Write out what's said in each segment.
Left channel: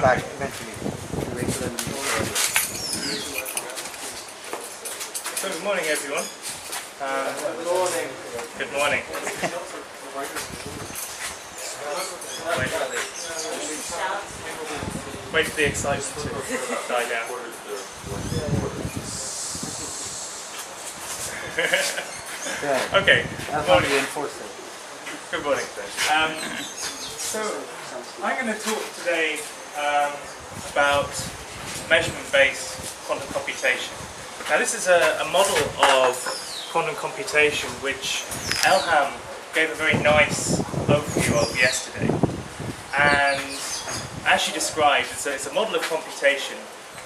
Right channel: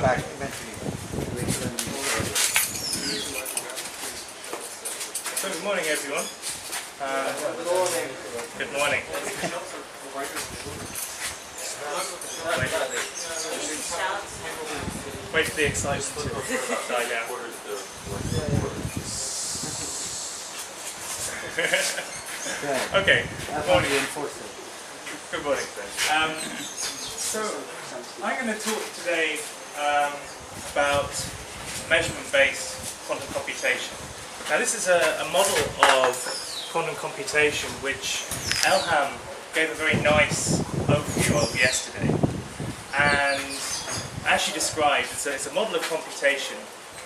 back eventually. You wait till the So good morning, everyone. Good morning. Wait for the excitement to die down. Okay. That's how you enforce it. Good morning. So I'm going to talk today about measurement-based quantum computation. Now this is a model of quantum computation which Elham gave a very nice overview of yesterday. And as she described, it's a model of computation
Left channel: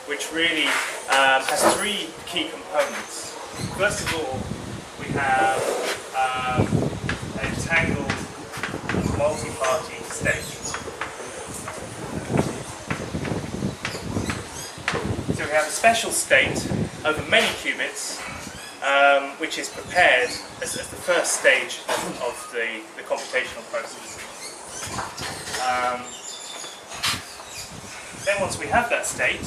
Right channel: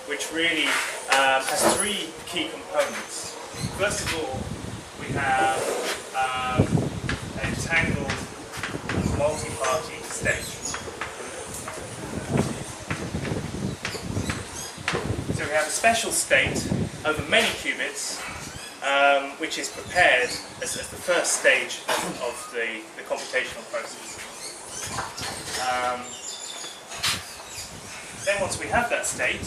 which really has three key components. First of all, we have an entangled multi-party state. So we have a special state over many qubits, which is prepared as the first stage of the computational process. Then once we have that state,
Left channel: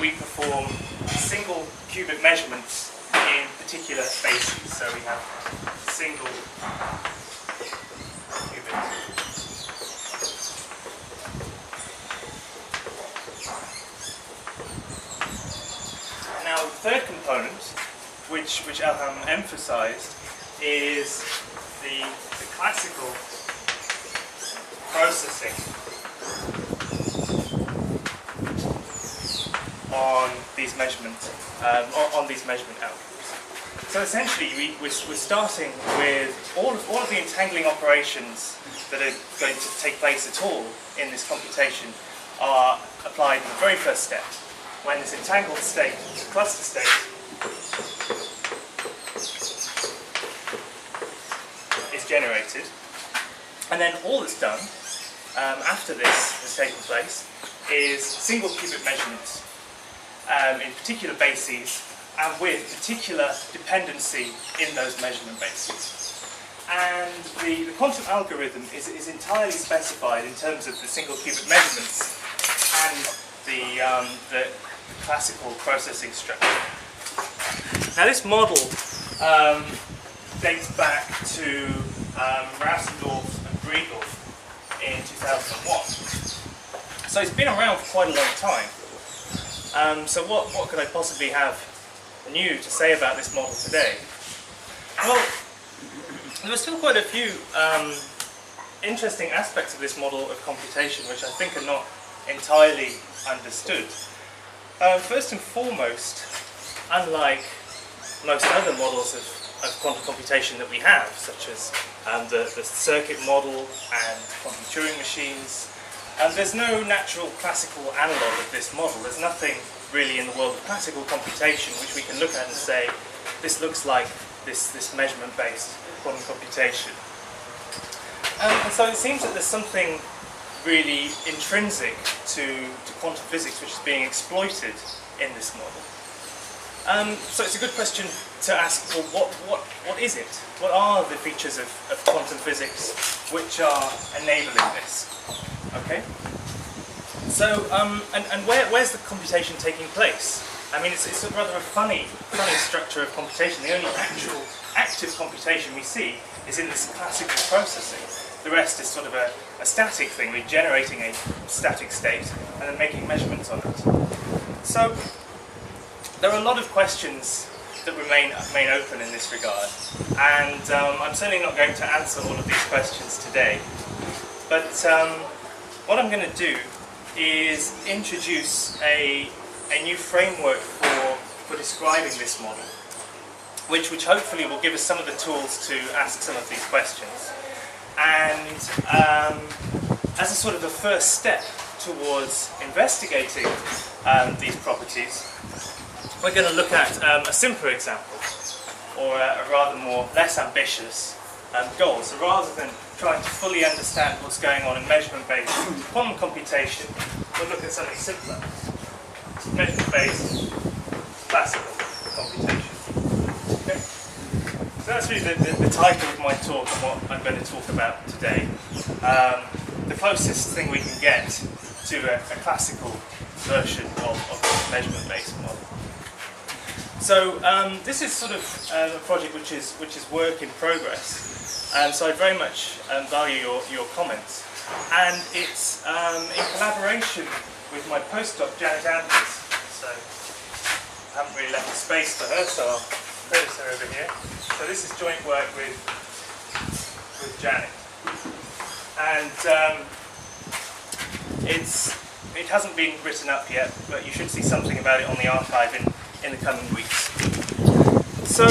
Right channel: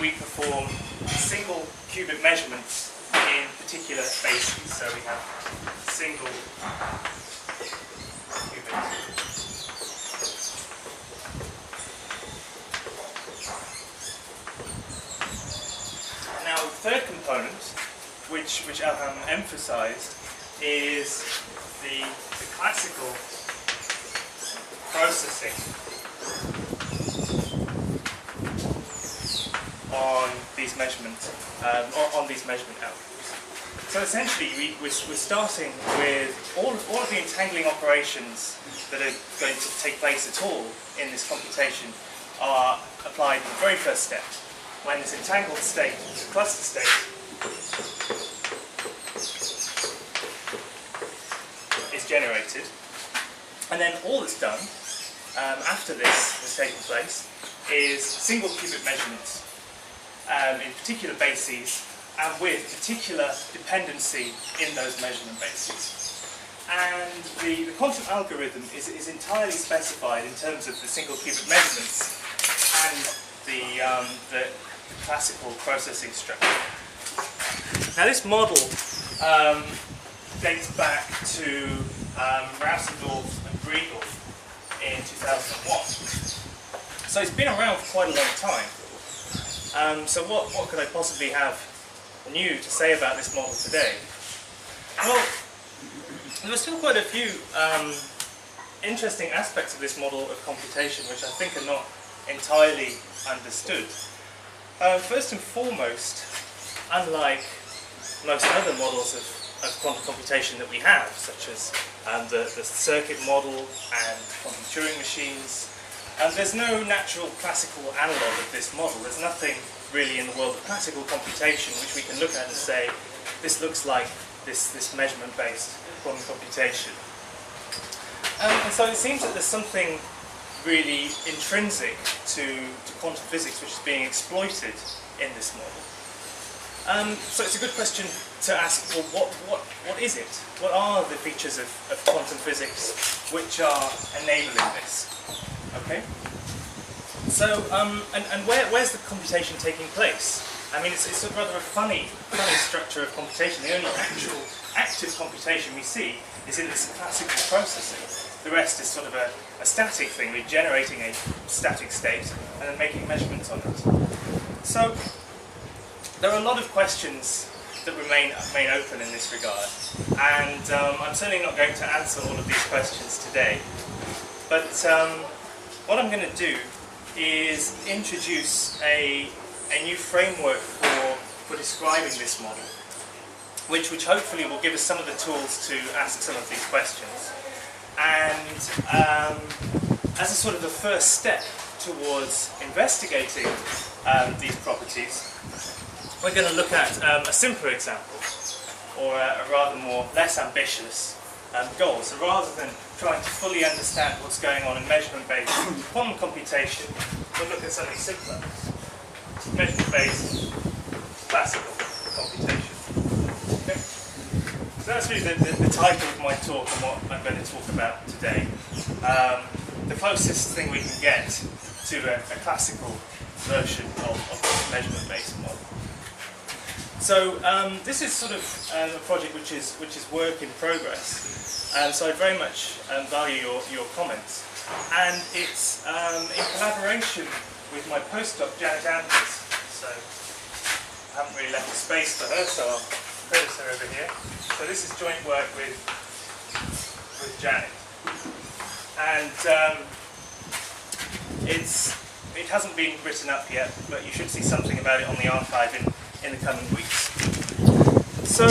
we perform single qubit measurements in particular bases. So we have single qubit. Now the third component, which Elham emphasized, is the classical processing on these measurement algorithms. So essentially, we're starting with all of the entangling operations that are going to take place at all in this computation are applied in the very first step, when this entangled state, this cluster state, is generated. And then all that's done after this has taken place is single qubit measurements in particular bases and with particular dependency in those measurement bases. And the quantum algorithm is entirely specified in terms of the single qubit measurements and the classical processing structure. Now this model dates back to Rausendorf and Briegel in 2001. So it's been around for quite a long time. So what could I possibly have new to say about this model today? Well, there are still quite a few interesting aspects of this model of computation which I think are not entirely understood. First and foremost, unlike most other models of quantum computation that we have, such as the circuit model and quantum Turing machines, there's no natural classical analogue of this model. There's nothing really in the world of classical computation which we can look at and say, this looks like this measurement-based quantum computation. And so it seems that there's something really intrinsic to quantum physics which is being exploited in this model. So it's a good question to ask, well, what is it? What are the features of quantum physics which are enabling this? Okay. So, and where's the computation taking place? I mean, it's a rather a funny structure of computation. The only actual active computation we see is in this classical processing. The rest is sort of a static thing. We're generating a static state and then making measurements on it. So there are a lot of questions that remain open in this regard, and I'm certainly not going to answer all of these questions today. But what I'm going to do is introduce a new framework for describing this model, which hopefully will give us some of the tools to ask some of these questions. And as a sort of a first step towards investigating these properties, we're going to look at a simpler example, or a rather less ambitious goal. So rather than trying to fully understand what's going on in measurement-based quantum computation, we'll look at something simpler. Measurement-based classical computation. Okay. So that's really the title of my talk and what I'm going to talk about today. The closest thing we can get to a classical version of this measurement-based model. So this is sort of a project which is work in progress, so I very much value your comments, and it's in collaboration with my postdoc Janet Anders. So I haven't really left a space for her, so I'll credit her over here. So this is joint work with Janet, and it hasn't been written up yet, but you should see something about it on the archive in the coming weeks. So,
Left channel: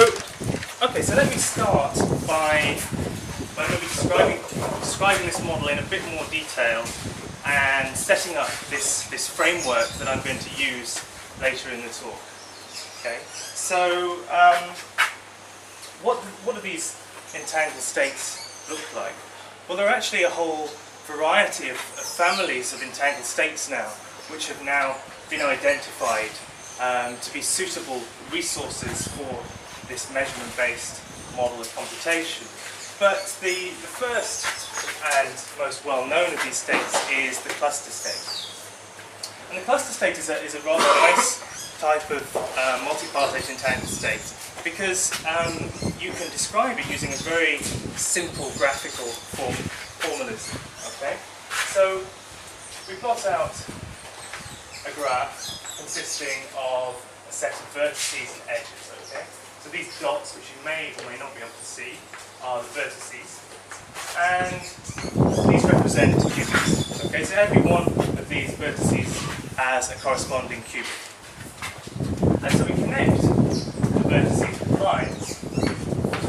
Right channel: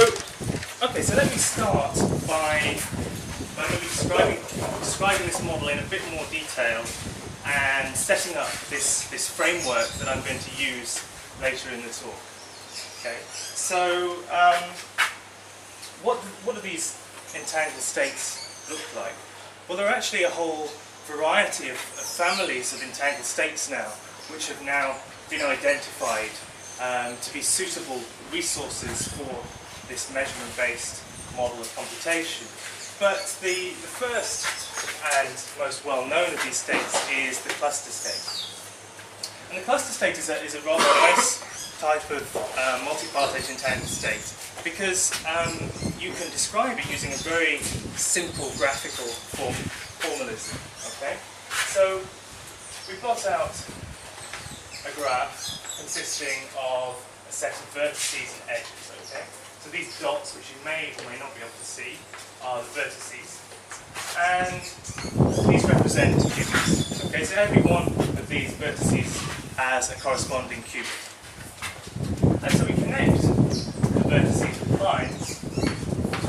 okay, so let me start by maybe describing this model in a bit more detail and setting up this framework that I'm going to use later in the talk. Okay, so what do these entangled states look like? Well, there are actually a whole variety of families of entangled states now, which have now been identified to be suitable resources for this measurement-based model of computation. But the first and most well-known of these states is the cluster state. And the cluster state is a rather nice type of multipartite entangled state, because you can describe it using a very simple graphical formalism. Okay? So we plot out a graph consisting of a set of vertices and edges. Okay? So these dots, which you may or may not be able to see, are the vertices, and these represent qubits. Okay? So every one of these vertices has a corresponding qubit. And so we connect the vertices with lines to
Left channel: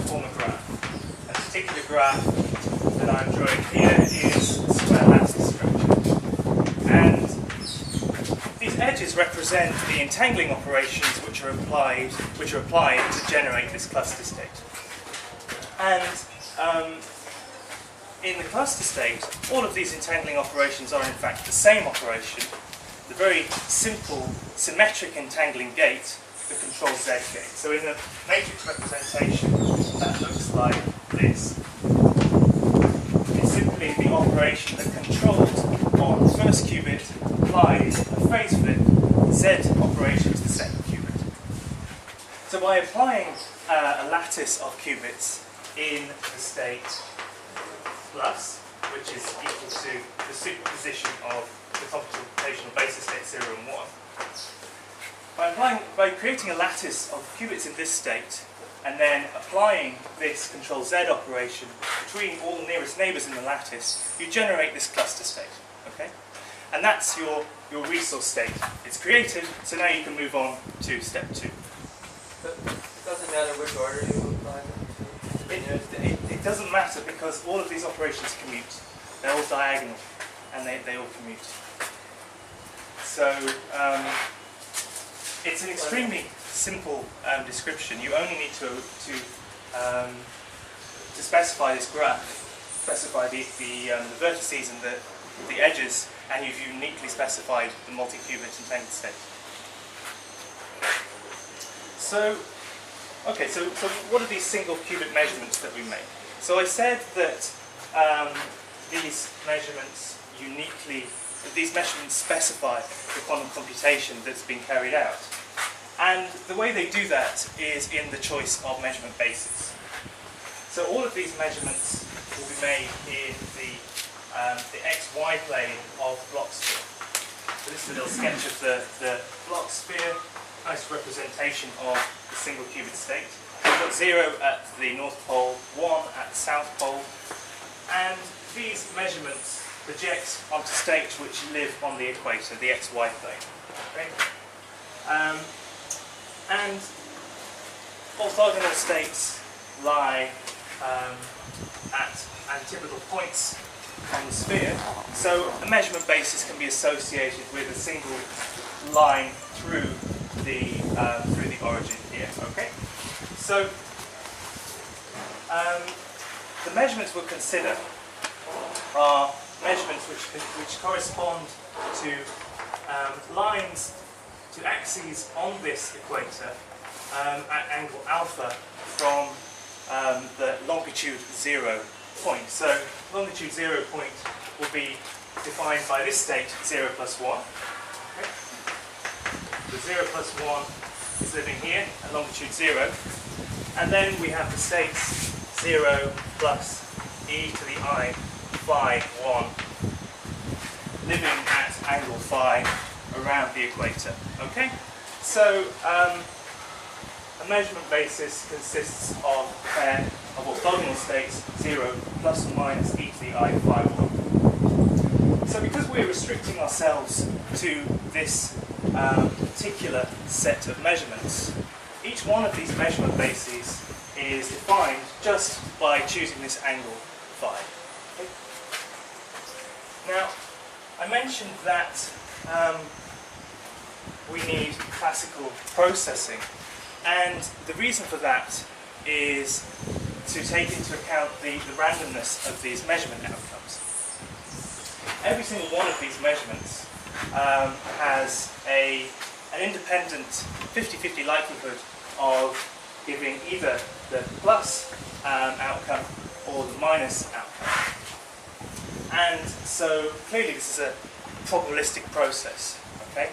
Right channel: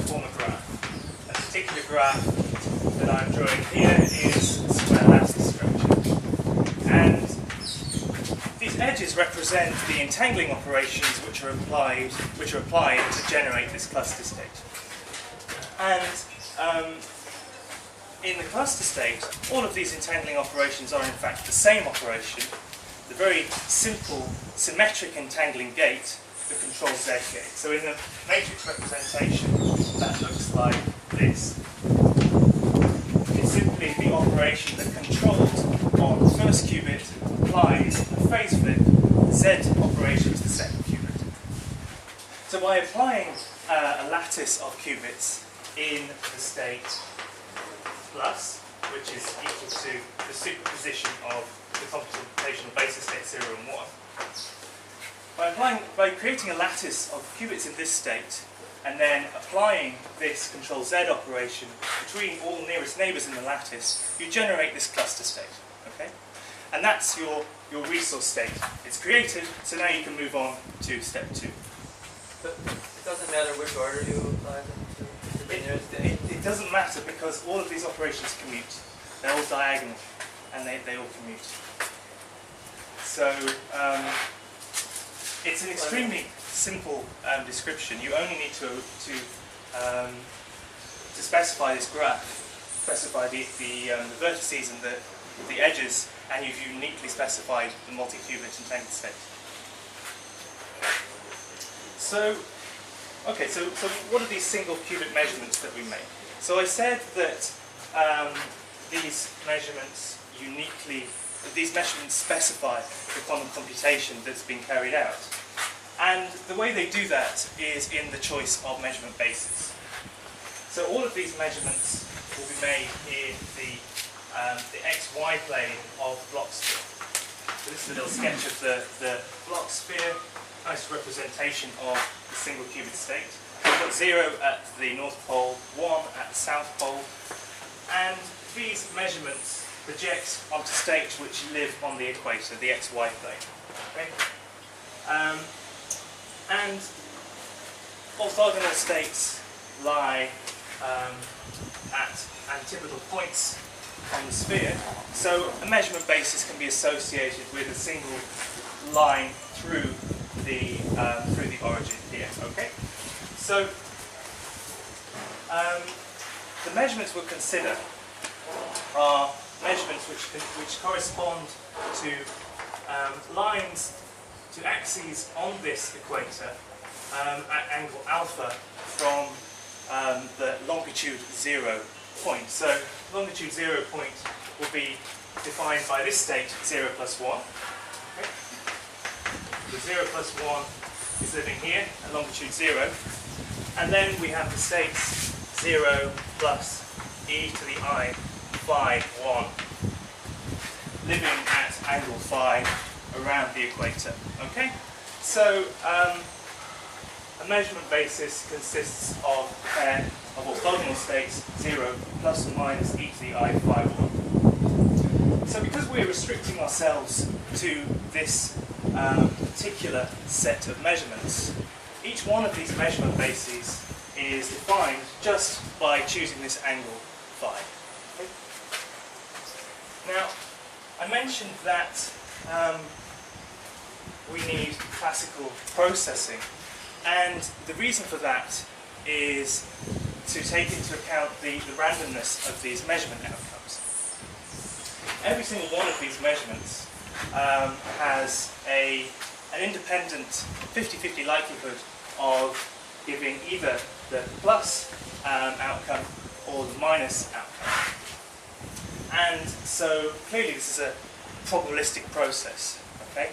form a graph. A particular graph that I'm drawing here is the square lattice structure. And these edges represent the entangling operations which are applied to generate this cluster state. And in the cluster state, all of these entangling operations are in fact the same operation, the very simple symmetric entangling gate, the control Z gate. So in the matrix representation, that looks like this. It's simply the operation that controlled on the first qubit applies a phase flip Z operation to the second qubit. So by applying a lattice of qubits in the state plus, which is equal to the superposition of the computational basis state 0 and 1, by creating a lattice of qubits in this state, and then applying this control Z operation between all nearest neighbours in the lattice, you generate this cluster state. Okay? And that's your resource state. It's created, so now you can move on to step 2. But it doesn't matter which order you apply them to? It doesn't matter, because all of these operations commute. They're all diagonal, and they all commute. So it's an extremely simple description. You only need to specify this graph, specify the vertices and the edges, and you've uniquely specified the multi-qubit entangled state. So, okay, so what are these single qubit measurements that we make? So I said that these measurements specify the quantum computation that's been carried out. And the way they do that is in the choice of measurement bases. So all of these measurements will be made in the XY plane of the block sphere. So this is a little sketch of the block sphere, nice representation of the single qubit state. We've got 0 at the North Pole, 1 at the South Pole, and these measurements project onto states which live on the equator, the XY plane. Okay? And orthogonal states lie at antipodal points on the sphere, so a measurement basis can be associated with a single line through the origin here. Okay, so the measurements we'll consider are measurements which correspond to lines, to axes on this equator at angle alpha from the longitude 0 point. So longitude 0 point will be defined by this state 0 plus 1. Okay. The 0 plus 1 is living here at longitude 0. And then we have the states 0 plus e to the I phi 1 living at angle phi around the equator. Okay? So a measurement basis consists of a pair of orthogonal states 0 plus or minus e to the I phi 1. So because we're restricting ourselves to this particular set of measurements, each one of these measurement bases is defined just by choosing this angle phi. Okay? Now, I mentioned that we need classical processing, and the reason for that is to take into account the randomness of these measurement outcomes. Every single one of these measurements has an independent 50-50 likelihood of giving either the plus outcome or the minus outcome. And so clearly this is a probabilistic process. Okay?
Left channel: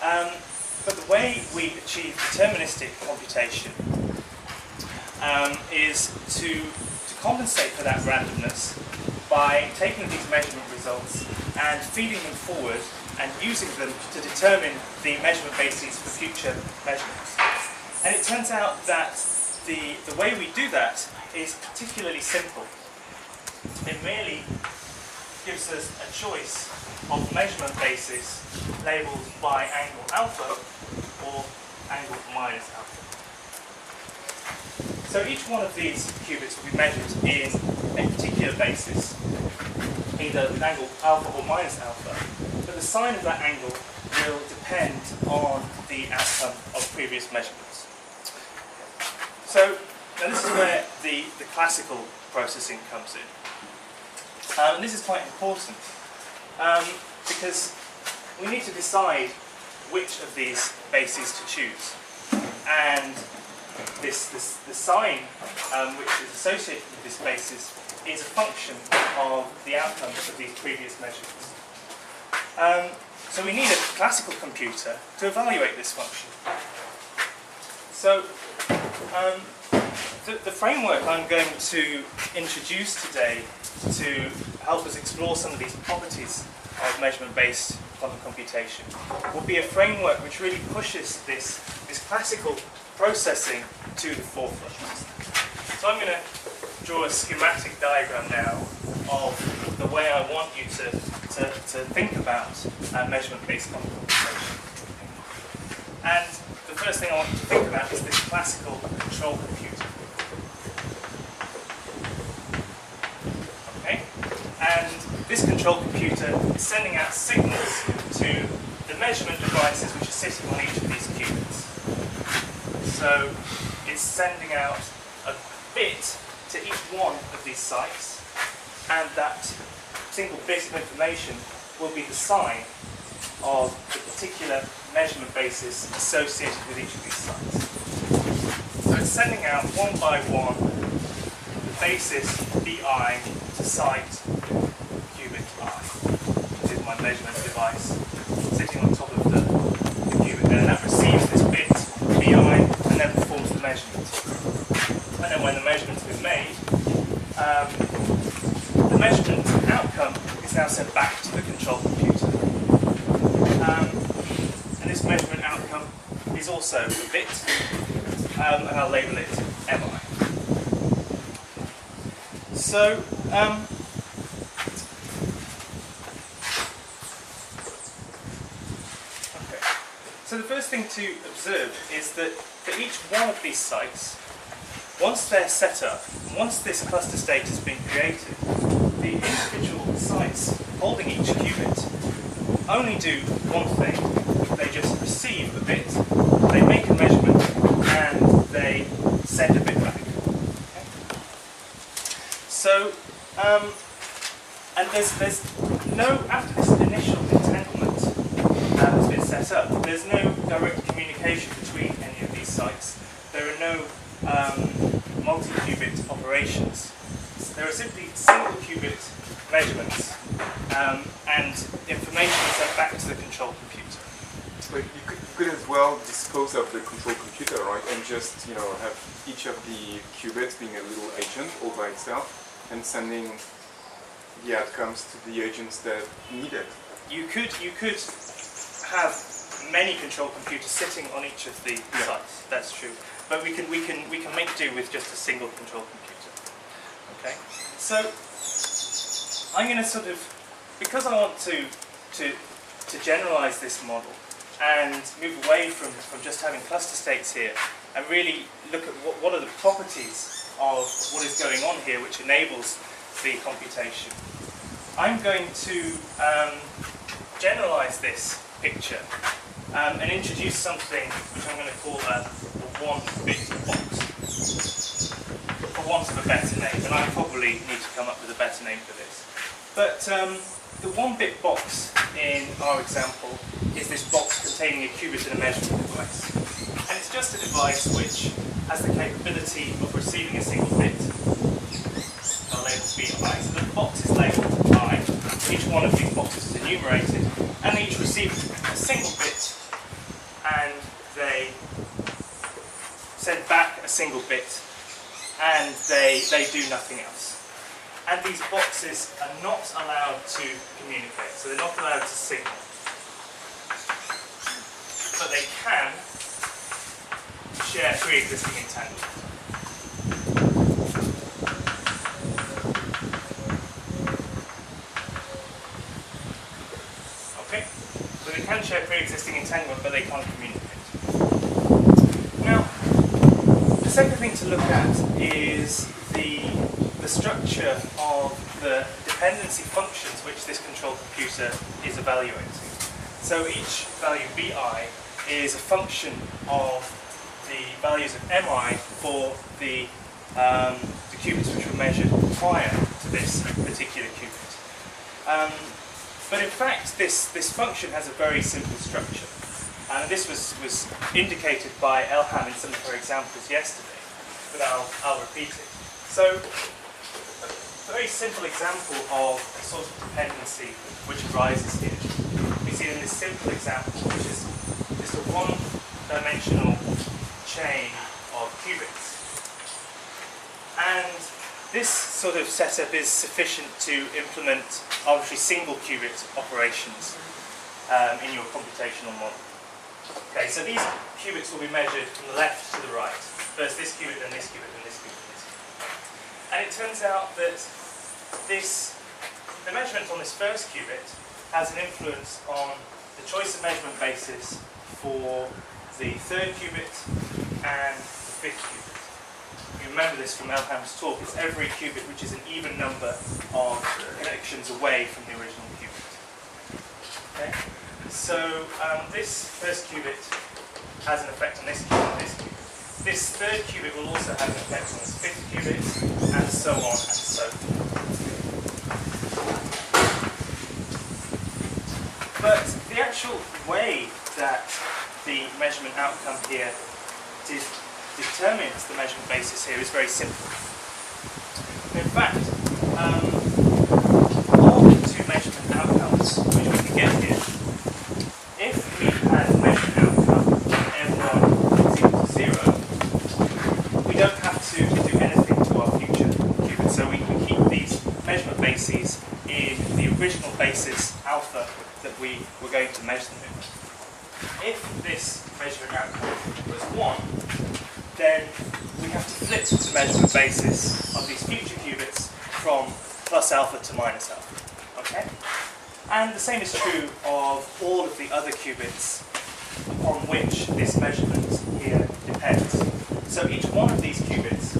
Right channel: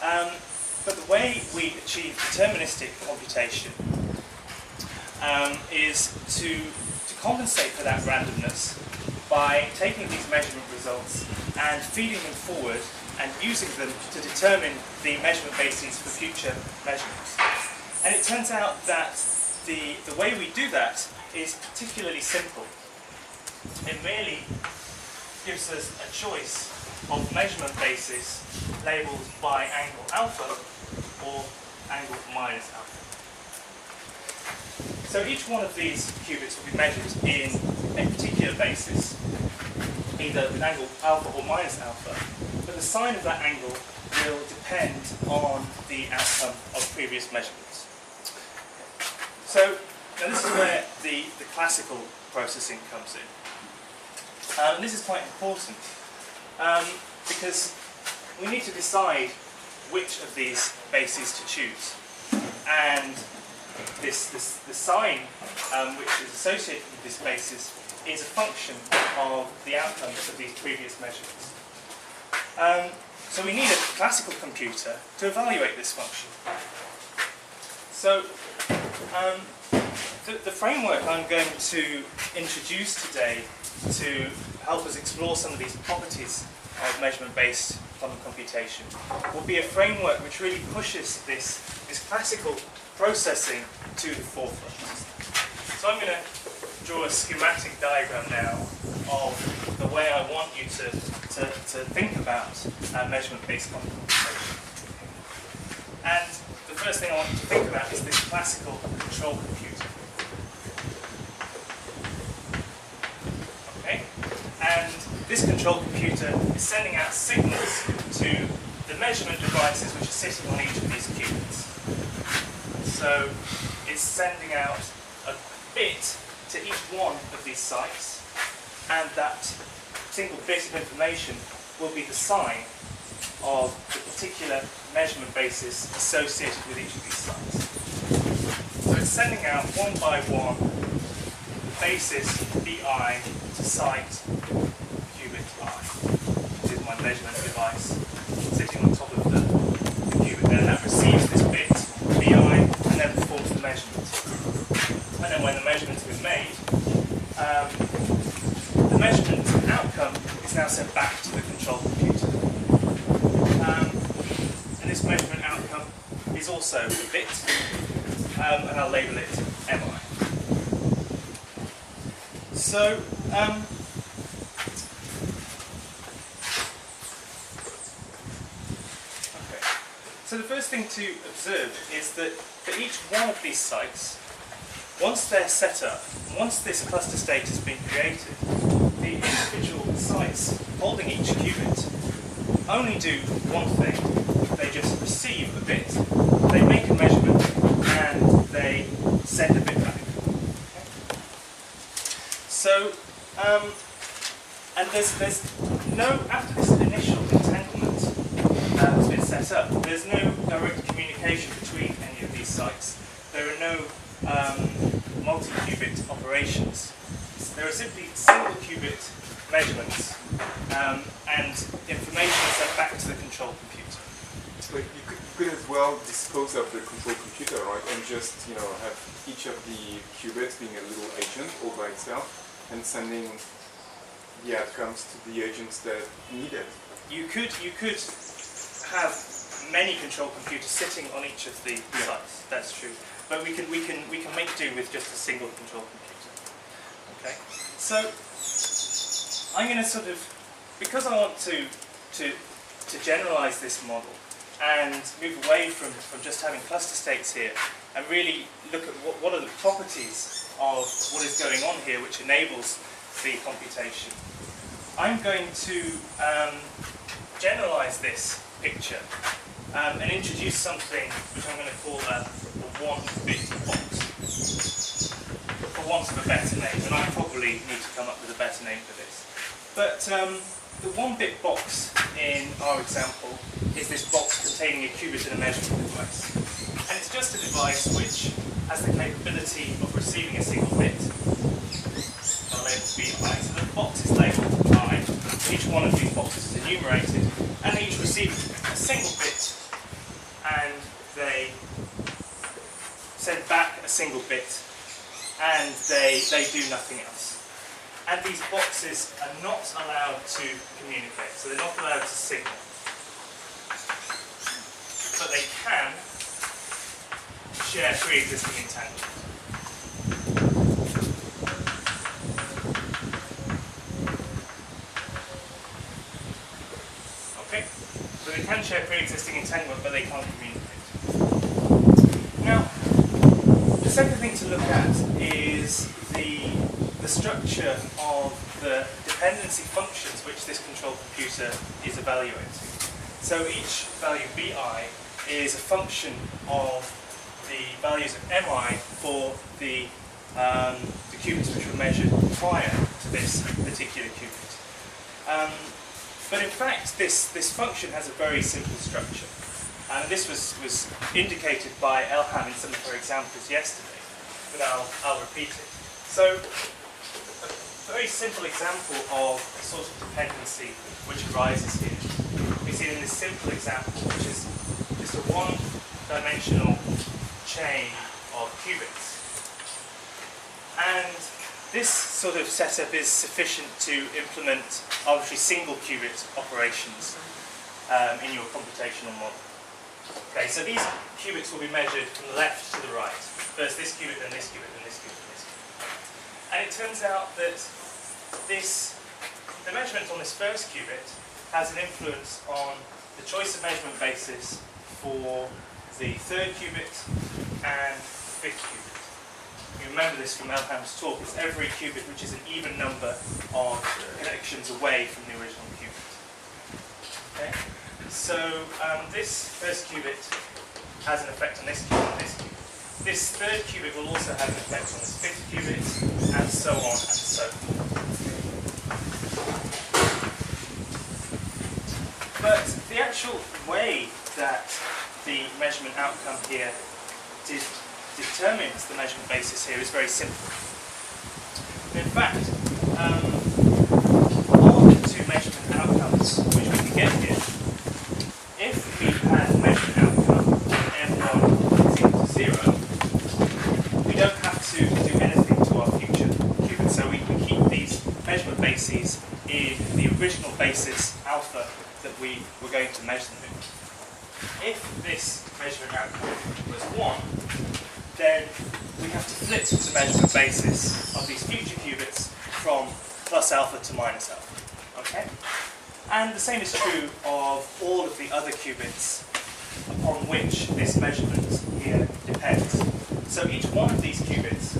But the way we achieve deterministic computation is to compensate for that randomness by taking these measurement results and feeding them forward and using them to determine the measurement bases for future measurements. And it turns out that the way we do that is particularly simple. It merely gives us a choice of measurement basis labelled by angle alpha or angle minus alpha. So each one of these qubits will be measured in a particular basis, either with angle alpha or minus alpha, but the sign of that angle will depend on the outcome of previous measurements. So now this is where the classical processing comes in. And this is quite important because we need to decide which of these bases to choose. And the sign which is associated with this basis is a function of the outcomes of these previous measurements. So we need a classical computer to evaluate this function. So the framework I'm going to introduce today to help us explore some of these properties of measurement-based quantum computation will be a framework which really pushes this classical processing to the forefront. So I'm going to draw a schematic diagram now of the way I want you to think about measurement-based quantum computation. And the first thing I want you to think about is this classical control computer. Okay? And this control computer is sending out signals to the measurement devices which are sitting on each of these qubits. So it's sending out a bit to each one of these sites, and that single bit of information will be the sign of the particular measurement basis associated with each of these sites. So it's sending out one by one the basis BI to site qubit I. This is my measurement device sitting on top of the qubit there, and that receives this bit BI and then performs the measurement. And then when the measurement's been made, the measurement outcome is now sent back to the control computer. And this measurement outcome is also a bit, and I'll label it MI. So, okay. So the first thing to observe is that for each one of these sites, once they're set up, once this cluster state has been created, the individual sites holding each qubit only do one thing. They just receive a bit, they make a measurement, and they send a bit back. Okay? So, and there's no, after this initial entanglement has been set up, there's no direct communication between any of these sites. There are no multi-qubit operations. There are simply single qubit measurements, and information is sent back to the control computer. But you could as well dispose of the control computer, right, and just have each of the qubits being a little agent all by itself and sending the outcomes to the agents that need it. You could have many control computers sitting on each of the sites. That's true. But we can make do with just a single control computer. Okay. So I'm going to because I want to generalize this model and move away from just having cluster states here and really look at what are the properties of what is going on here which enables the computation. I'm going to generalize this picture and introduce something which I'm going to call a one-bit box, for want of a better name, and I probably need to come up with a better name for this. But the one-bit box in our example is this box containing a qubit and a measurement device. And it's just a device which has the capability of receiving a single bit. Our label BI. So the box is labelled I. Each one of these boxes is enumerated, and they each receive a single bit, and they send back a single bit, and they do nothing else. And these boxes are not allowed to communicate, so they're not allowed to signal. But they can share pre-existing entanglement. Okay? So they can share pre-existing entanglement, but they can't communicate. Now, the second thing to look at is the structure of the dependency functions which this control computer is evaluating. So each value bi is a function of the values of mi for the qubits which were measured prior to this particular qubit. But in fact, this function has a very simple structure. And this was indicated by Elham in some of her examples yesterday, but I'll repeat it. So, a very simple example of the sort of dependency which arises here. We see in this simple example, which is just a one-dimensional chain of qubits. And this sort of setup is sufficient to implement arbitrary single qubit operations in your computational model. Okay, so these qubits will be measured from the left to the right. First this qubit, then this qubit, then this qubit, then this qubit. And it turns out that the measurement on this first qubit has an influence on the choice of measurement basis for the third qubit and the fifth qubit. You remember this from Elham's talk, it's every qubit which is an even number of connections away from the original qubit. Okay? So this first qubit has an effect on this qubit and this qubit. This third qubit will also have an effect on this fifth qubit, and so on and so forth. But the actual way that the measurement outcome here determines the measurement basis here is very simple. In fact, of the two measurement outcomes which we can get here, if we had a measurement outcome m1 is equal to 0, we don't have to do anything to our future qubits. So we keep these measurement bases in the original basis alpha that we were going to measure them in. If this measurement outcome was 1, then we have to flip the measurement basis of these future qubits from plus alpha to minus alpha. Okay? And the same is true of all of the other qubits upon which this measurement here depends. So each one of these qubits,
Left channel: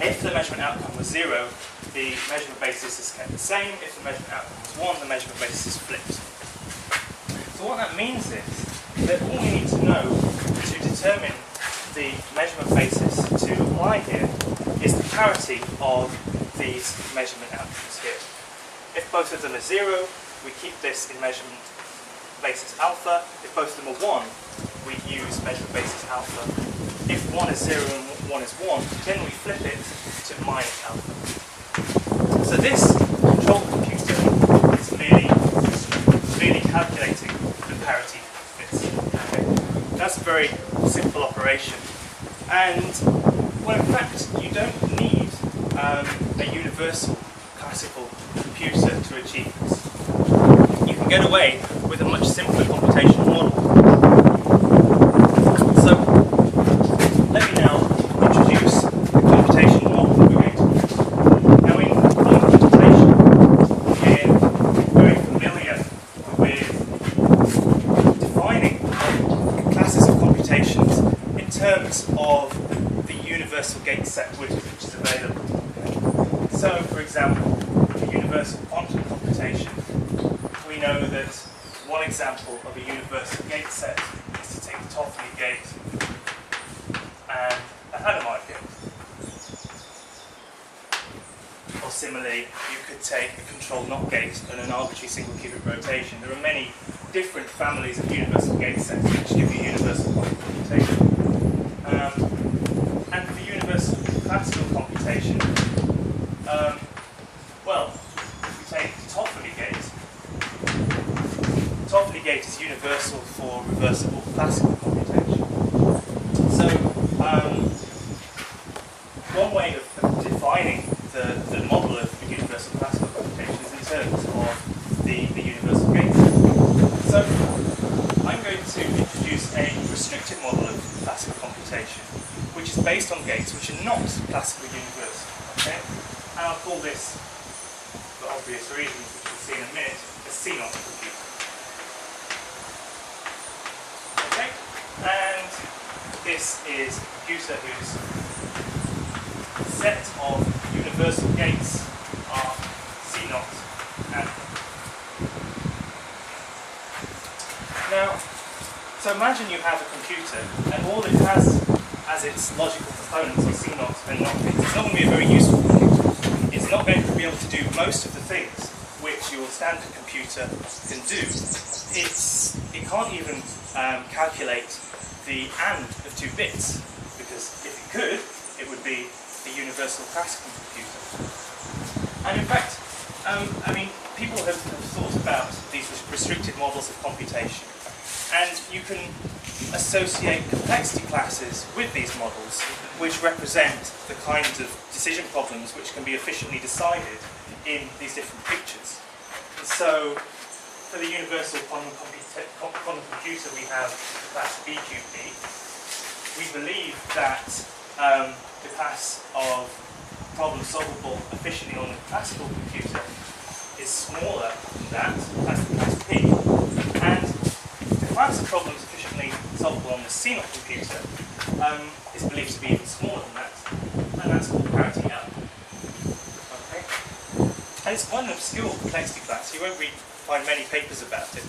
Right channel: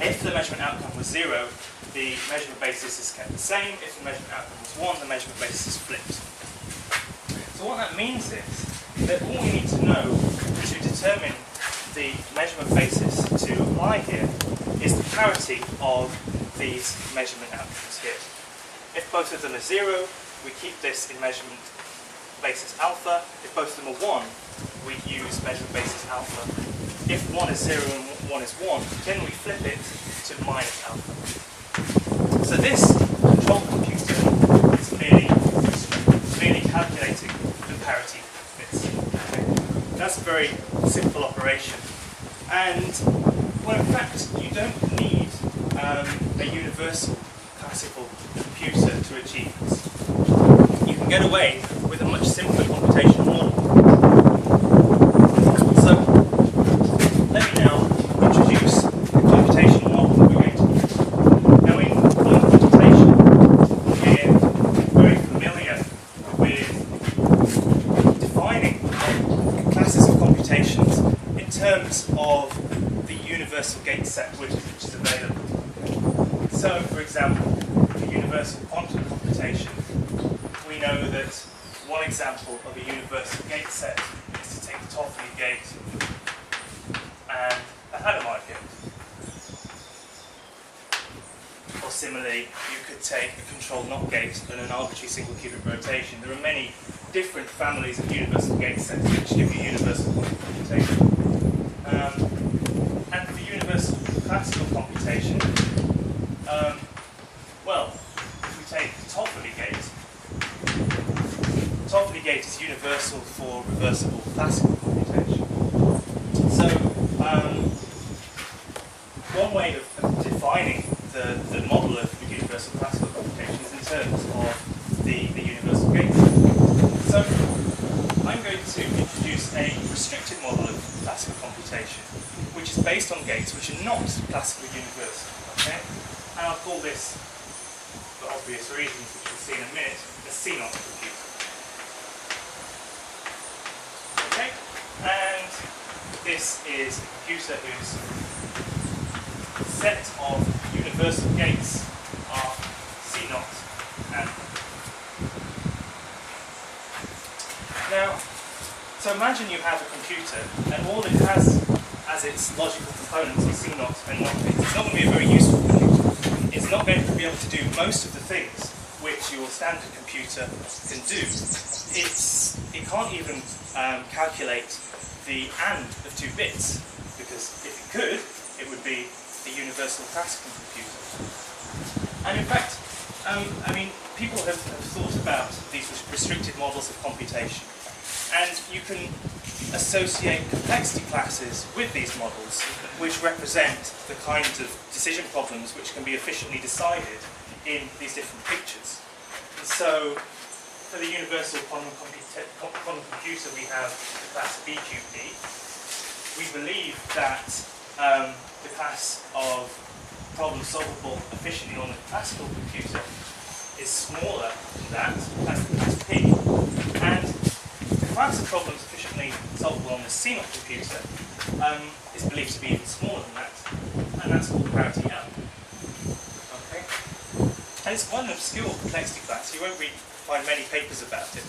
if the measurement outcome was 0, the measurement basis is kept the same. If the measurement outcome was 1, the measurement basis is flipped. So what that means is that all we need to know to determine the measurement basis to apply here is the parity of these measurement outcomes here. If both of them are 0, we keep this in measurement basis alpha. If both of them are 1, we use measurement basis alpha. If 1 is 0 and 1 is 1, then we flip it to minus alpha. So this control control computer is merely calculating the parity bits. Okay? That's a very simple operation. And, well, in fact, you don't need a universal classical computer to achieve this. You can get away with a much simpler computational model. So, let me now introduce the computational model that we're going to use. Now, in quantum computation, we're very familiar with defining classes of computations in terms of the universal gate set which is available. Okay? So, for example, for universal quantum computation, we know that one example of a universal gate set is to take the Toffoli gate and a Hadamard gate. Or similarly, you could take a control NOT gate and an arbitrary single qubit rotation. There are many different families of universal gate sets which give you universal quantum computation. And for universal classical computation, well, if we take the Toffoli gate, the Toffoli gate is universal for reversible classical computation. So, one way of defining the model of the universal classical computation is in terms of the universal gate. So, I'm going to introduce a restrictive model of classical computation, which is based on gates which are not classically universal. Okay? And I'll call this, for obvious reasons, which we'll see in a minute, a CNOT computer. Okay? And this is a computer whose set of universal gates are CNOT and now, so imagine you have a computer and all it has as its logical components are CNOT and NOT gates. It's not going to be a very useful computer. It's not going to be able to do most of the things which your standard computer can do. It can't even calculate the AND of 2 bits, because if it could, it would be a universal classical computer. And in fact, I mean, people have thought about these restricted models of computation, and you can associate complexity classes with these models, which represent the kinds of decision problems which can be efficiently decided in these different pictures. And so, for the universal quantum computer, we have the class BQP. We believe that the class of problems solvable efficiently on a classical computer is smaller than that. That's the class P. And the class of problems efficiently solvable on the CNOT computer is believed to be even smaller than that, and that's called parity L. Okay? And it's quite an obscure complexity class. You won't find many papers about it.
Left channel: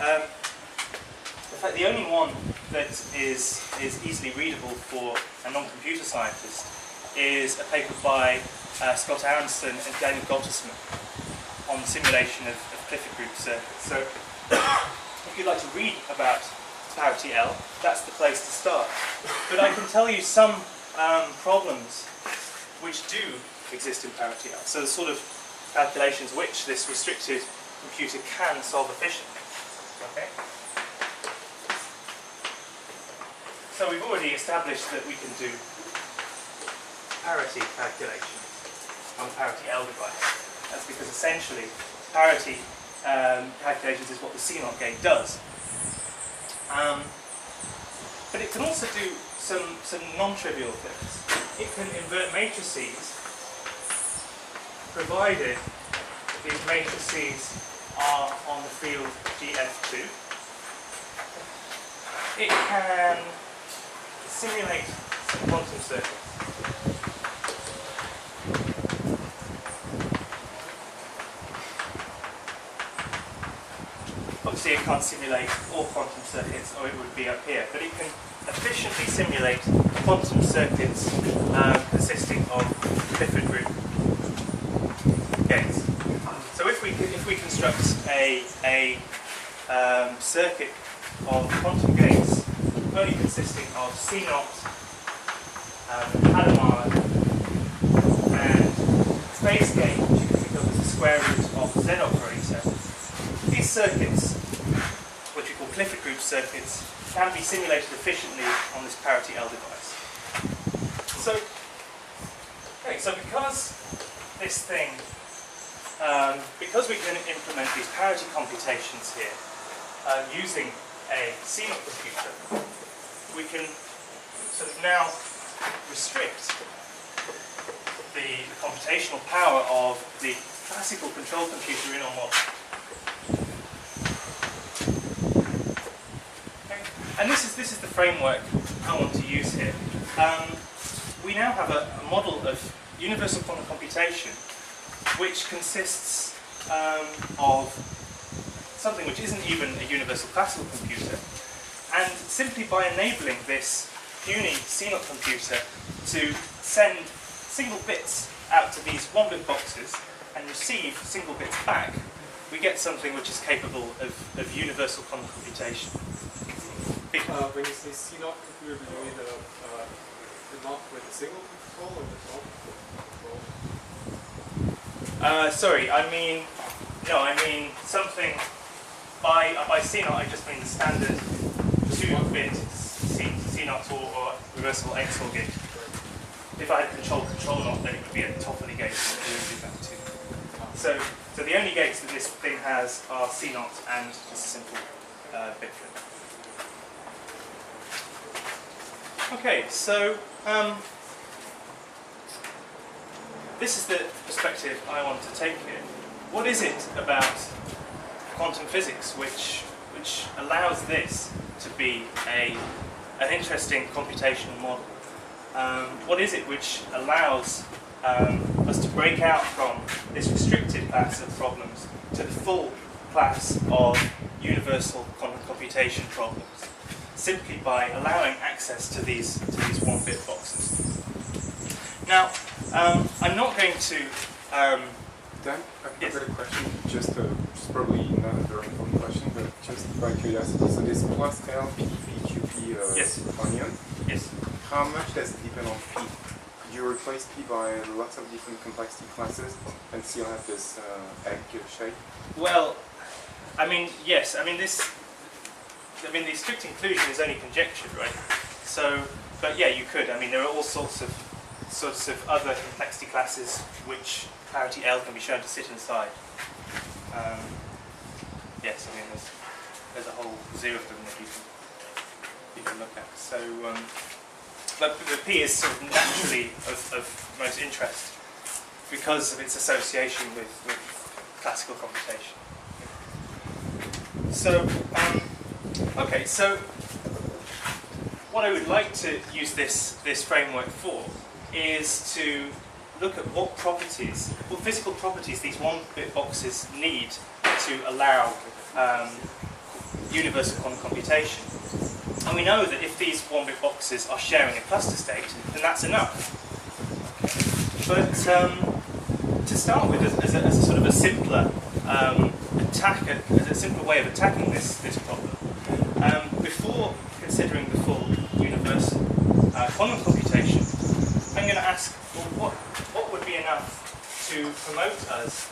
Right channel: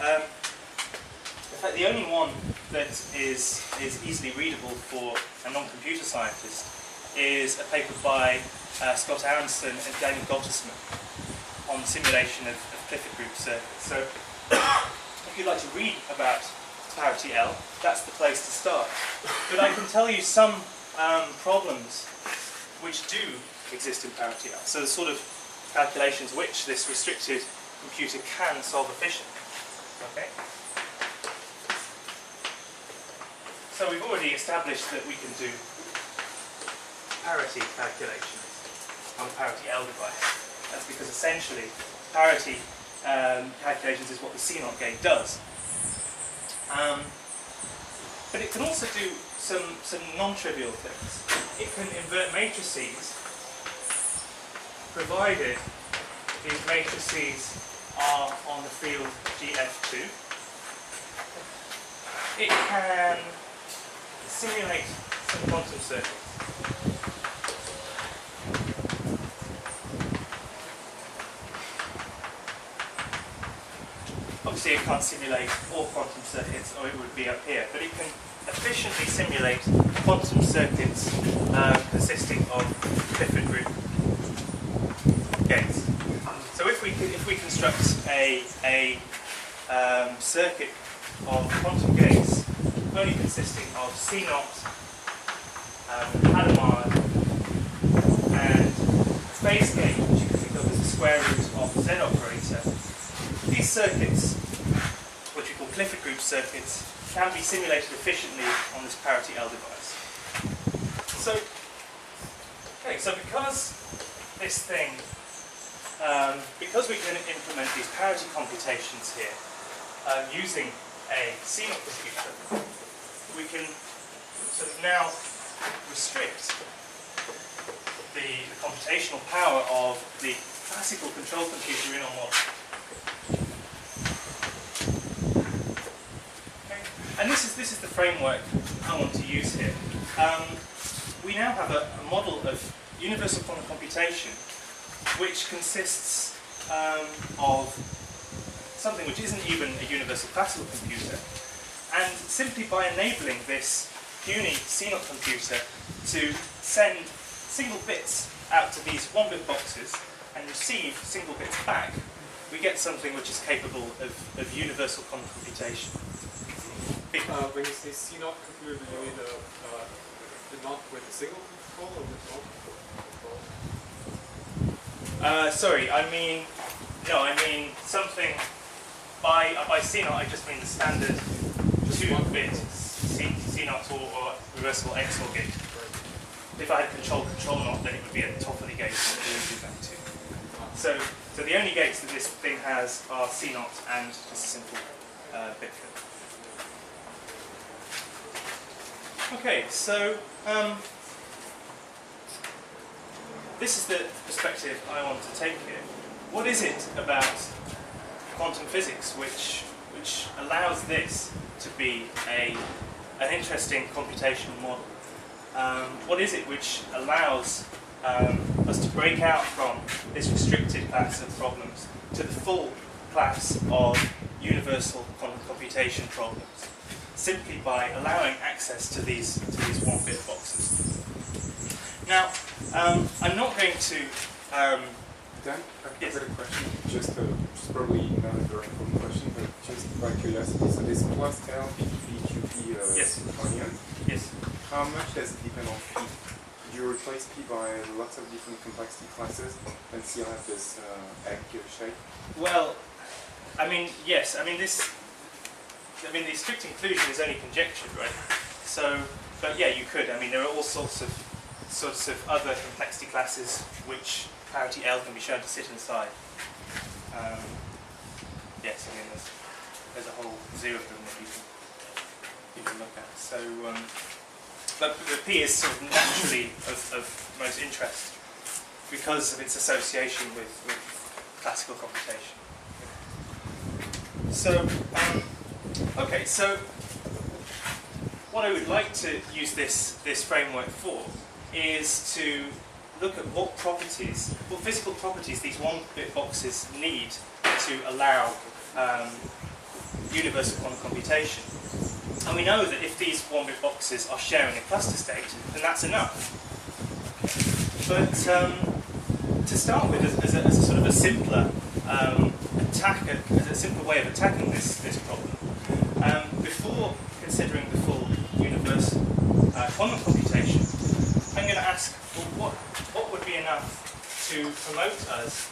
In fact, the only one that is easily readable for a non-computer scientist is a paper by Scott Aronson and Daniel Gottesman on the simulation of Clifford group circuits. So, if you'd like to read about parity L, that's the place to start. But I can tell you some problems which do exist in parity L. So the sort of calculations which this restricted computer can solve efficiently. Okay? So we've already established that we can do parity calculations on a parity L device. That's because essentially parity calculations is what the CNOT gate does. But it can also do some non-trivial things. It can invert matrices, provided these matrices are on the field GF2. It can simulate some quantum circuits. Obviously it can't simulate all quantum circuits, or it would be up here, but it can efficiently simulate quantum circuits consisting of Clifford group gates. So if we construct a circuit of quantum gates only consisting of CNOT, Hadamard, and phase gate, which you can think of as the square root of the Z operator, these circuits, which we call Clifford group circuits, can be simulated efficiently on this parity L device. So because this thing, because we can implement these parity computations here using a CNOT computer, we can sort of now restrict the computational power of the classical control computer in our model. Okay. And this is the framework I want to use here. We now have a model of universal quantum computation which consists of something which isn't even a universal classical computer, and simply by enabling this puny CNOT computer to send single bits out to these 1-bit boxes and receive single bits back, we get something which is capable of universal quantum computation. When you say CNOT computer, do you mean the NOT with a single control or with multiple control? Sorry, I mean something, by CNOT I just mean the standard 2-bit CNOT or reversible XOR gate. Right. If I had control NOT, then it would be at the top of the gate, and it would do that too. So the only gates that this thing has are CNOT and just a simple bit flip. Okay, so this is the perspective I want to take here. What is it about quantum physics which allows this to be an interesting computational model? What is it which allows us to break out from this restricted class of problems to the full class of universal quantum computation problems, simply by allowing access to these 1-bit boxes? Now, I'm not going to... Dan, I've got a question. It's probably not a very important question, but just by curiosity. So this plus L, P, V, Q, P yes. onion, Yes. how much does it depend on P? Could you replace P by lots of different complexity classes and still have this egg shape? Well, I mean, yes. I mean, the strict inclusion is only conjectured, right? So, but yeah, you could. I mean, there are all sorts of other complexity classes which parity L can be shown to sit inside. Yes, I mean, there's a whole zoo of them that you can look at. So, but the P is sort of naturally of most interest because of its association with classical computation. So, okay, so what I would like to use this framework for is to look at what physical properties these 1-bit boxes need to allow universal quantum computation. And we know that if these 1-bit boxes are sharing a cluster state, then that's enough. Okay. But to start with, as a sort of a simpler as a simpler way of attacking this problem, before considering the full universal quantum computation, I'm going to ask, well, what would be enough to promote us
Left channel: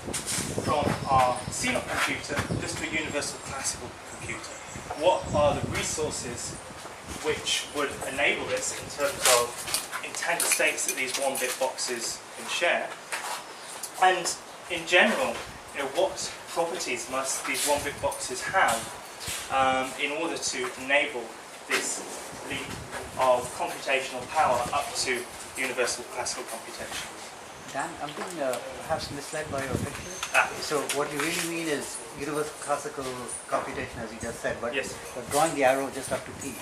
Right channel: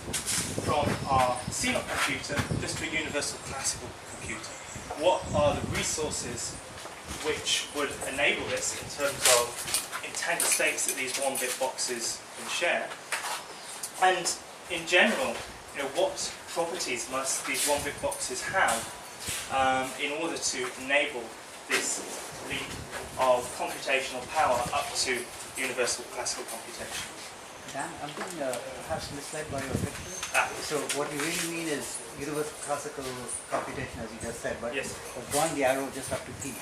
from our CNOT computer just to a universal classical computer? What are the resources which would enable this in terms of intended states that these 1-bit boxes can share? And in general, what properties must these 1-bit boxes have in order to enable this leap of computational power up to universal classical computation? Dan, I'm being perhaps misled by your picture. So what you really mean is universal classical computation, as you just said, but yes. You're drawing the arrow just up to P.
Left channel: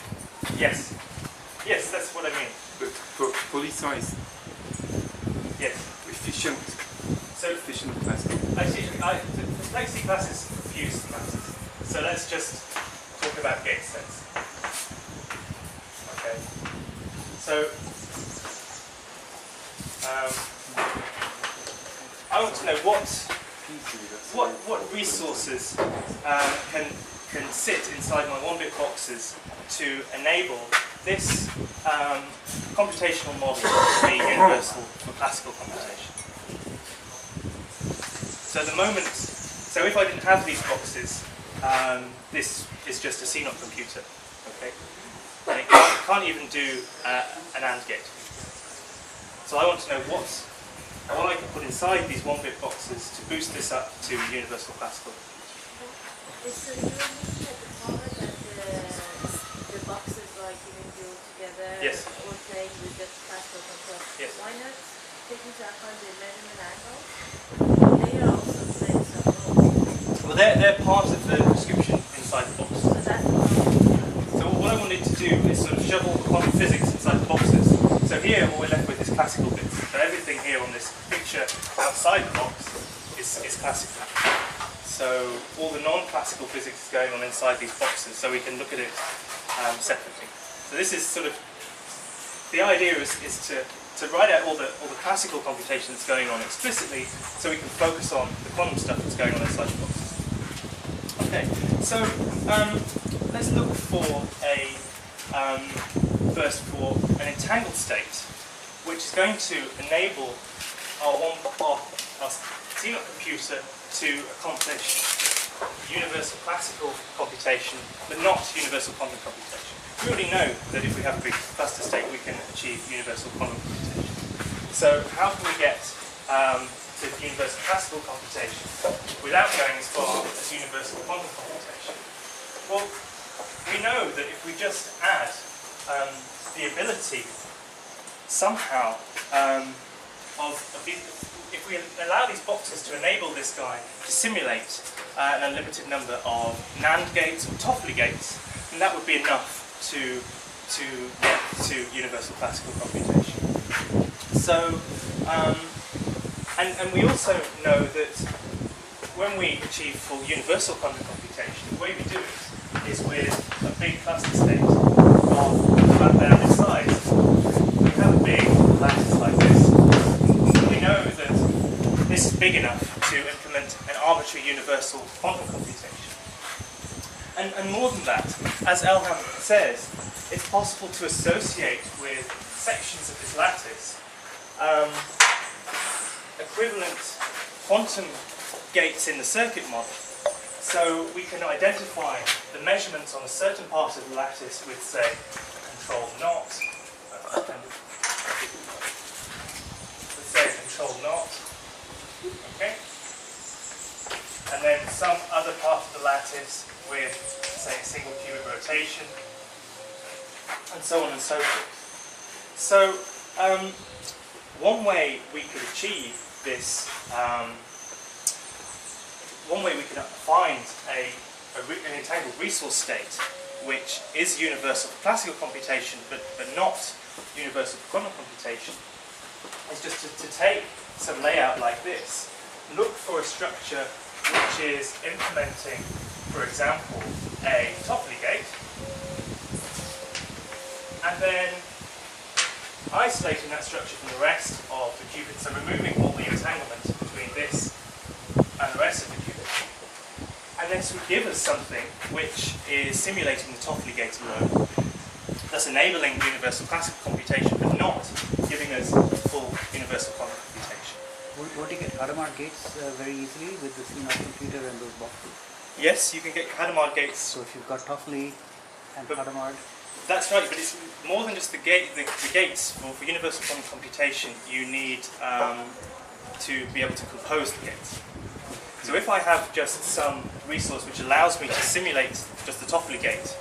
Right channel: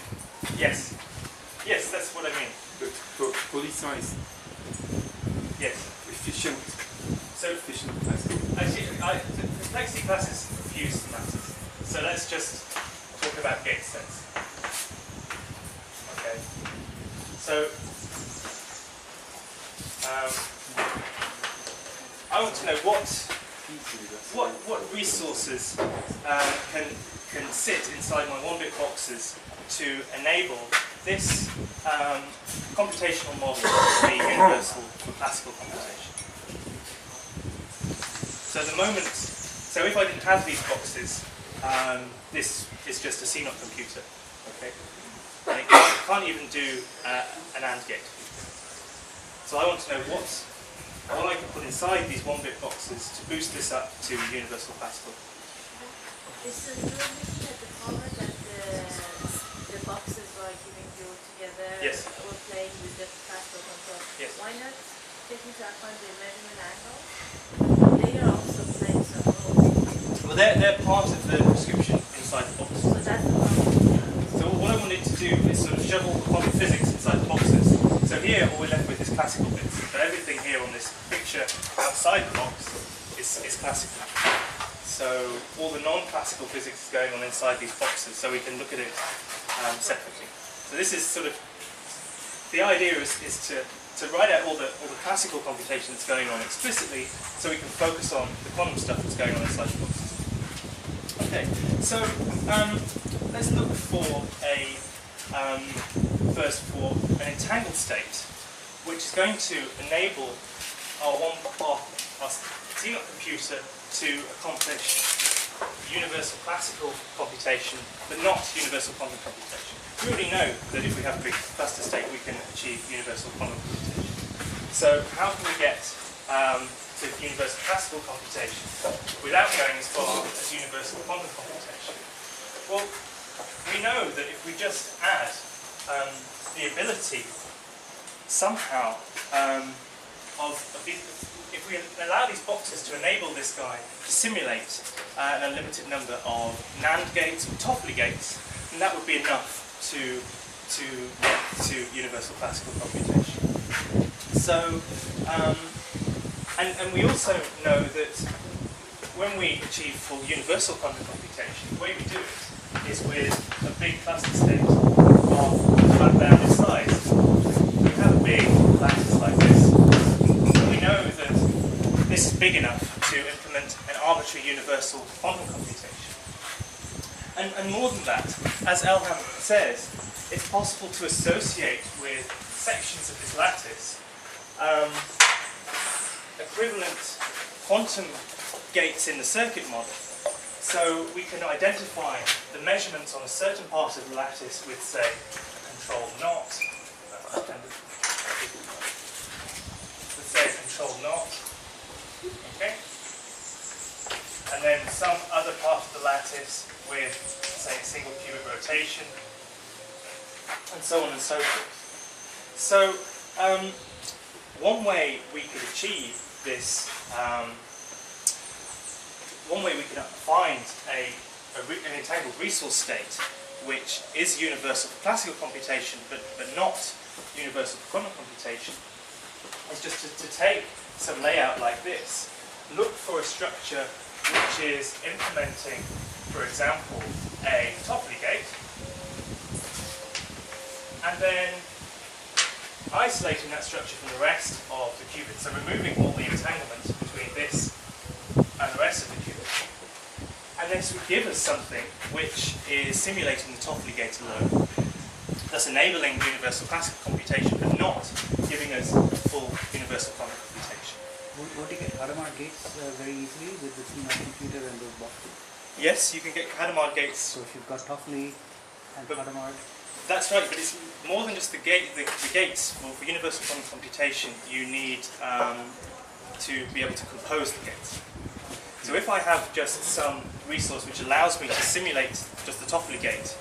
Yes. Yes, that's what I mean. But polysize. Yes. Efficient. So efficient classical computation. Actually, the complexity classes refuse matters. So let's just talk about gate sets. Okay. So I want to know what resources can sit inside my 1-bit boxes to enable this computational model to be universal for classical computation. So at the moment, so if I didn't have these boxes, this is just a CNOT computer, okay? And it can't even do an AND gate. So I want to know what I can put inside these 1-bit boxes to boost this up to universal classical. So you were looking at the power that the boxes are giving you together, Yes. or playing with the classical control. Yes. Why not take into account the measurement angle? They are also playing some role. Well, they're part of the prescription inside the box. So that's the problem. So what I wanted to do is sort of shove all the quantum physics inside the boxes. So here, all we're left with is classical bits. So everything here on this picture outside the box is classical. So all the non-classical physics is going on inside these boxes, so we can look at it separately. So this is sort of, the idea is to write out all the classical computation that's going on explicitly, so we can focus on the quantum stuff that's going on inside the boxes. Okay, so let's look for first for an entangled state, which is going to enable our CNOT computer to accomplish universal classical computation, but not universal quantum computation. We already know that if we have a big cluster state, we can achieve universal quantum computation. So how can we get to universal classical computation without going as far as universal quantum computation? Well, we know that if we just add the ability somehow if we allow these boxes to enable this guy to simulate an unlimited number of NAND gates or Toffoli gates, then that would be enough to get to universal classical computation. So, and we also know that when we achieve full universal quantum computation, the way we do it is with a big cluster state of unbounded size. We have a big lattice like this. We know that this is big enough to implement an arbitrary universal quantum computation. And more than that, as Elham says, it's possible to associate with sections of this lattice equivalent quantum gates in the circuit model. So we can identify the measurements on a certain part of the lattice with, say, a control knot. Let's say a control knot. Okay? And then some other part of the lattice with, say, a single qubit rotation, and so on and so forth. So, one way we could achieve this, one way we could find an entangled resource state which is universal for classical computation but not universal for quantum computation is just to take some layout like this, look for a structure which is implementing, for example, a Toffoli gate, and then isolating that structure from the rest of the qubit, so removing all the entanglement between this and the rest of the qubit. And this would give us something which is simulating the Toffoli gate alone, thus enabling universal classical computation, but not giving us full universal quantum computation. Would you get Hadamard gates very easily with the CNOT computer and those boxes? Yes, you can get Hadamard gates. So if you've got Toffoli and Hadamard. That's right, but it's more than just the gates. For universal quantum computation, you need to be able to compose the gates. So if I have just some resource which allows me to simulate just the Toffoli gate,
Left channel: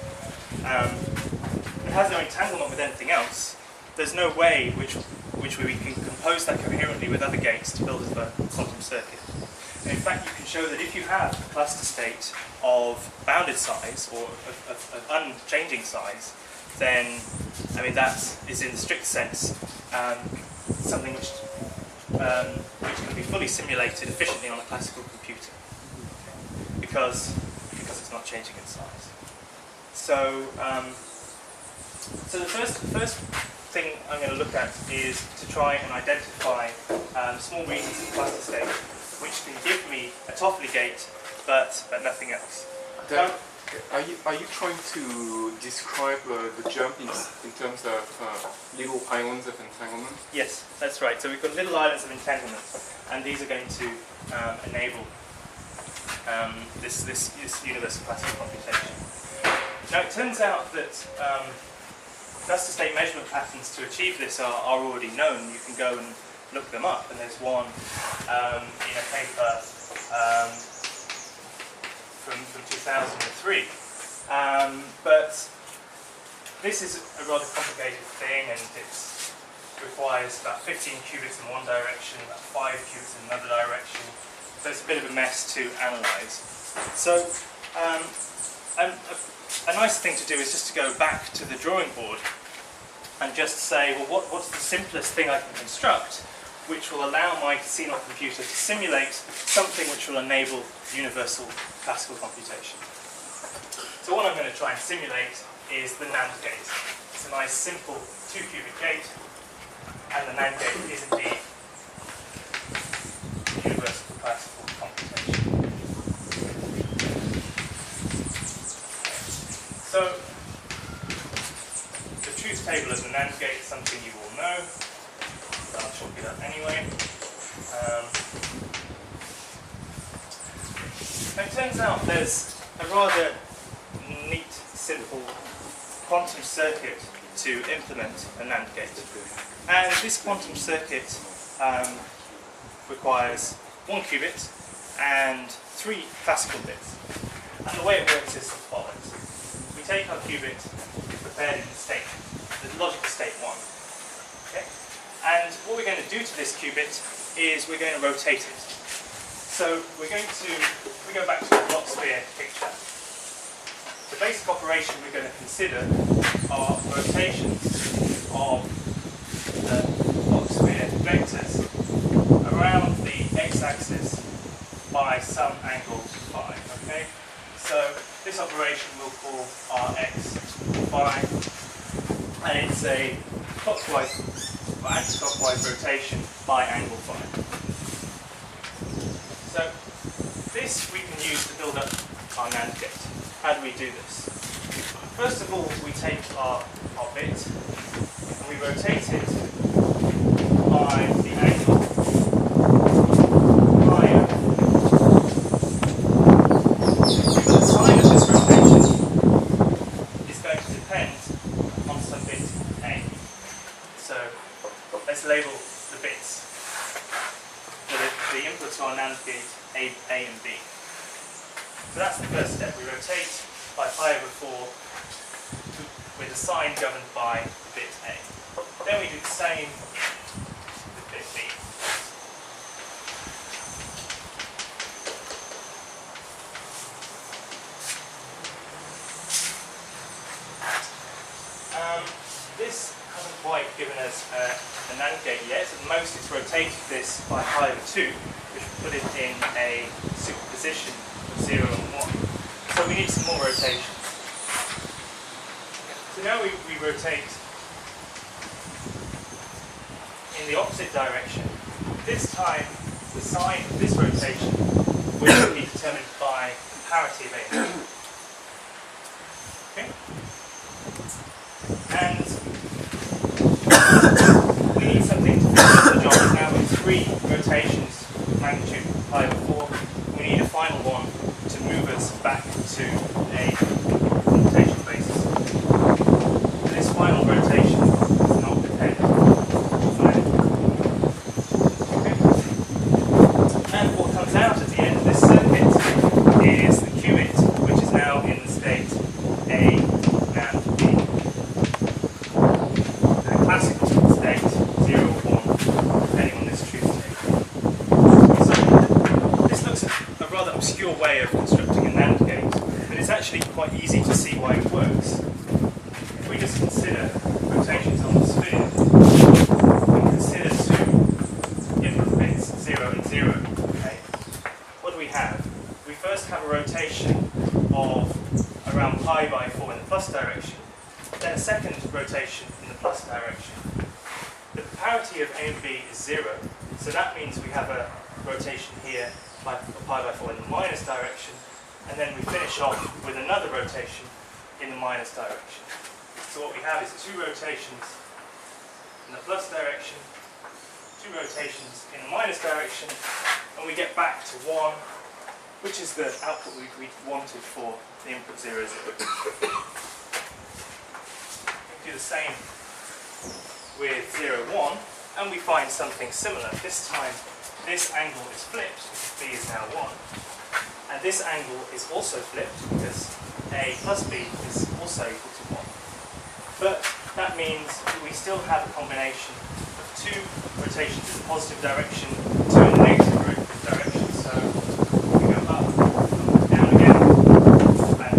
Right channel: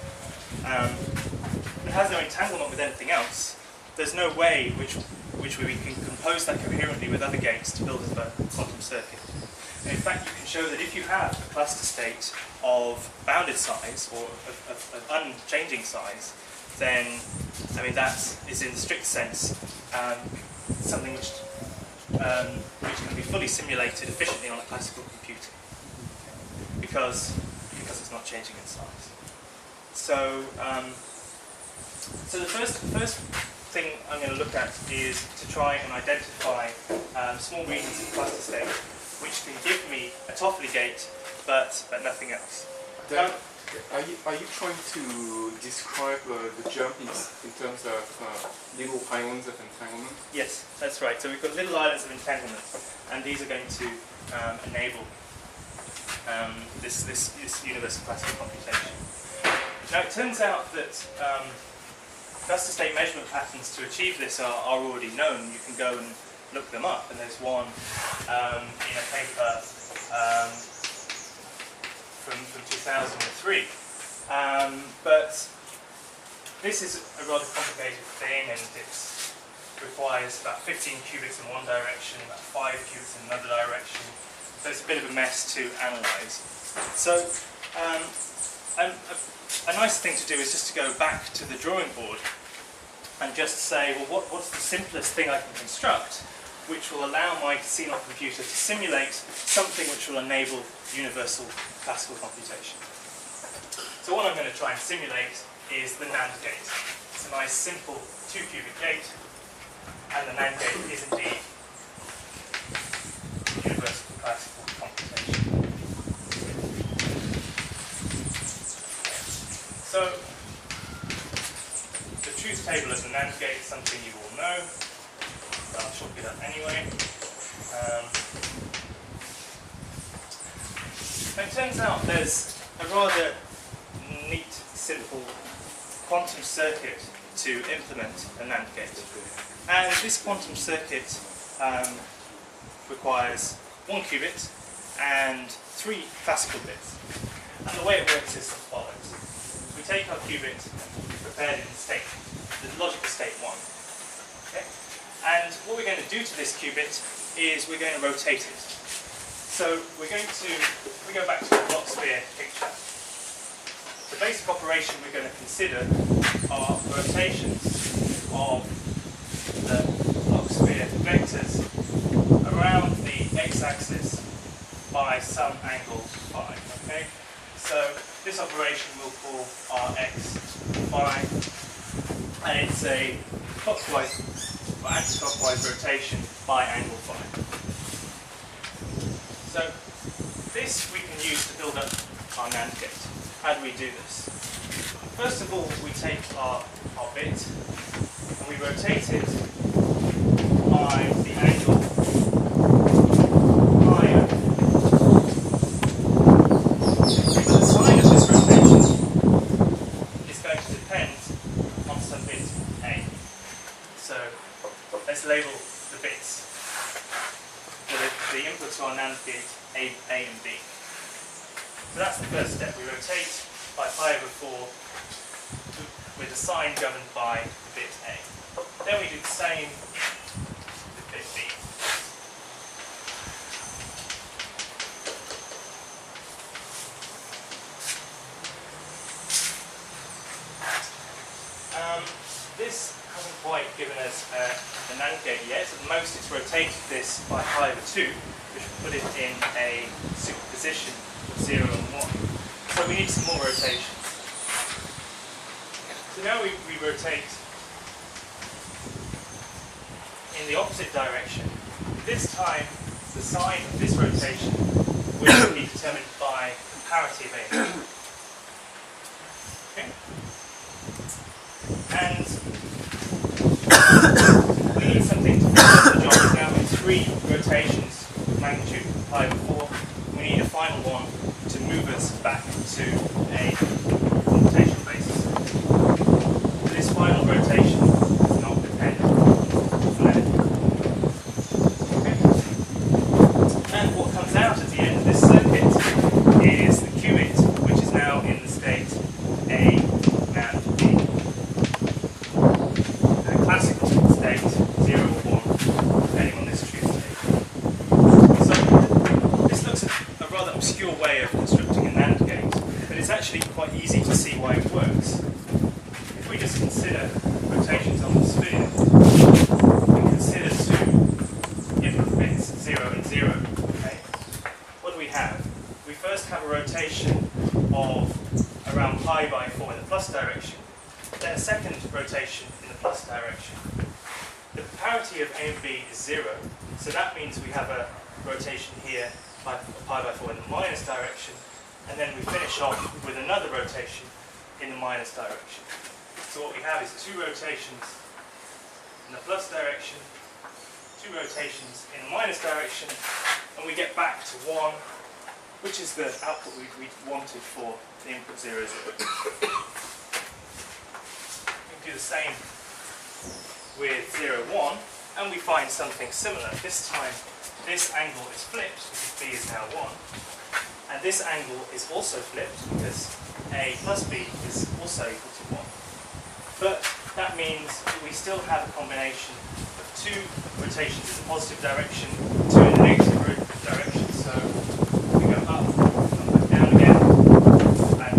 it has no entanglement with anything else, there's no way which we can compose that coherently with other gates to build a quantum circuit. And in fact, you can show that if you have a cluster state of bounded size, or of unchanging size, then, I mean, that is in the strict sense something which can be fully simulated efficiently on a classical computer, because it's not changing in size. So, so the first thing I'm going to look at is to try and identify small regions of cluster state which can give me a Toffoli gate, but nothing else. Are you trying to describe the jump in terms of little islands of entanglement? Yes, that's right. So we've got little islands of entanglement, and these are going to enable this universal classical computation. Now it turns out that cluster state measurement patterns to achieve this are already known. You can go and look them up, and there's one in a paper from 2003. But this is a rather complicated thing, and it requires about 15 qubits in one direction, about 5 qubits in another direction. So it's a bit of a mess to analyse. So a nice thing to do is just to go back to the drawing board and just say, well, what's the simplest thing I can construct which will allow my CNOT computer to simulate something which will enable universal classical computation. So what I'm going to try and simulate is the NAND gate. It's a nice simple 2-qubit gate, and the NAND gate is indeed universal classical computation. So the truth table of the NAND gate is something you all know, but I'll chalk it up anyway. It turns out there's a rather neat, simple quantum circuit to implement a NAND gate. And this quantum circuit requires 1 qubit and 3 classical bits. And the way it works is as follows. We take our qubit prepared in state, the logical state 1. Okay? And what we're going to do to this qubit is we're going to rotate it. So we go back to the block sphere picture. The basic operation we're going to consider are rotations of the block sphere vectors around the x-axis by some angle phi. Okay? So this operation we'll call our x phi, and it's a clockwise or anti-clockwise rotation by angle phi. So this we can use to build up our NAND gate. How do we do this? First of all, we take our bit and we rotate it by the angle phi. But the sign of this rotation is going to depend on some bit A. So let's label the bits. The inputs to our NAND gate A and B. So that's the first step. We rotate by π/4 with the sign governed by the bit A. Then we do the same with bit B. This hasn't quite given us a NAND gate yet. At most it's rotated this by π/2, which will put it in a superposition of 0 and 1. So we need some more rotations. So now we rotate in the opposite direction. This time the sign of this rotation will be determined by the parity of A and B. Okay? And we need something to finish up the job. Now with 3 rotations with magnitude π/4, we need a final one to move us back to a computation basis. And this final rotation does not depend on anything. Okay? And what comes out at the end of this circuit is the qubit, which is now in the state A and B. Classical state 0 or 1, depending on this truth table. So this looks a rather obscure way of constructing a NAND gate, but it's actually quite easy to see why it works. If we just consider rotations on the sphere, and consider 2 input bits, 0 and 0. Okay? What do we have? We first have a rotation of around π/4 in the plus direction, then a second rotation in the plus direction. The parity of A and B is 0, so that means we have a rotation here by π/4 in the minus direction, and then we finish off with another rotation in the minus direction. So what we have is 2 rotations in the plus direction, 2 rotations in the minus direction, and we get back to 1, which is the output we wanted for the input 0, 0. We can do the same with 0, 1, and we find something similar. This time, this angle is flipped because B is now 1, and this angle is also flipped because A plus B is also equal to 1. But that means we still have a combination of 2 rotations in the positive direction, 2 in the negative direction. So we go up, come back down again, and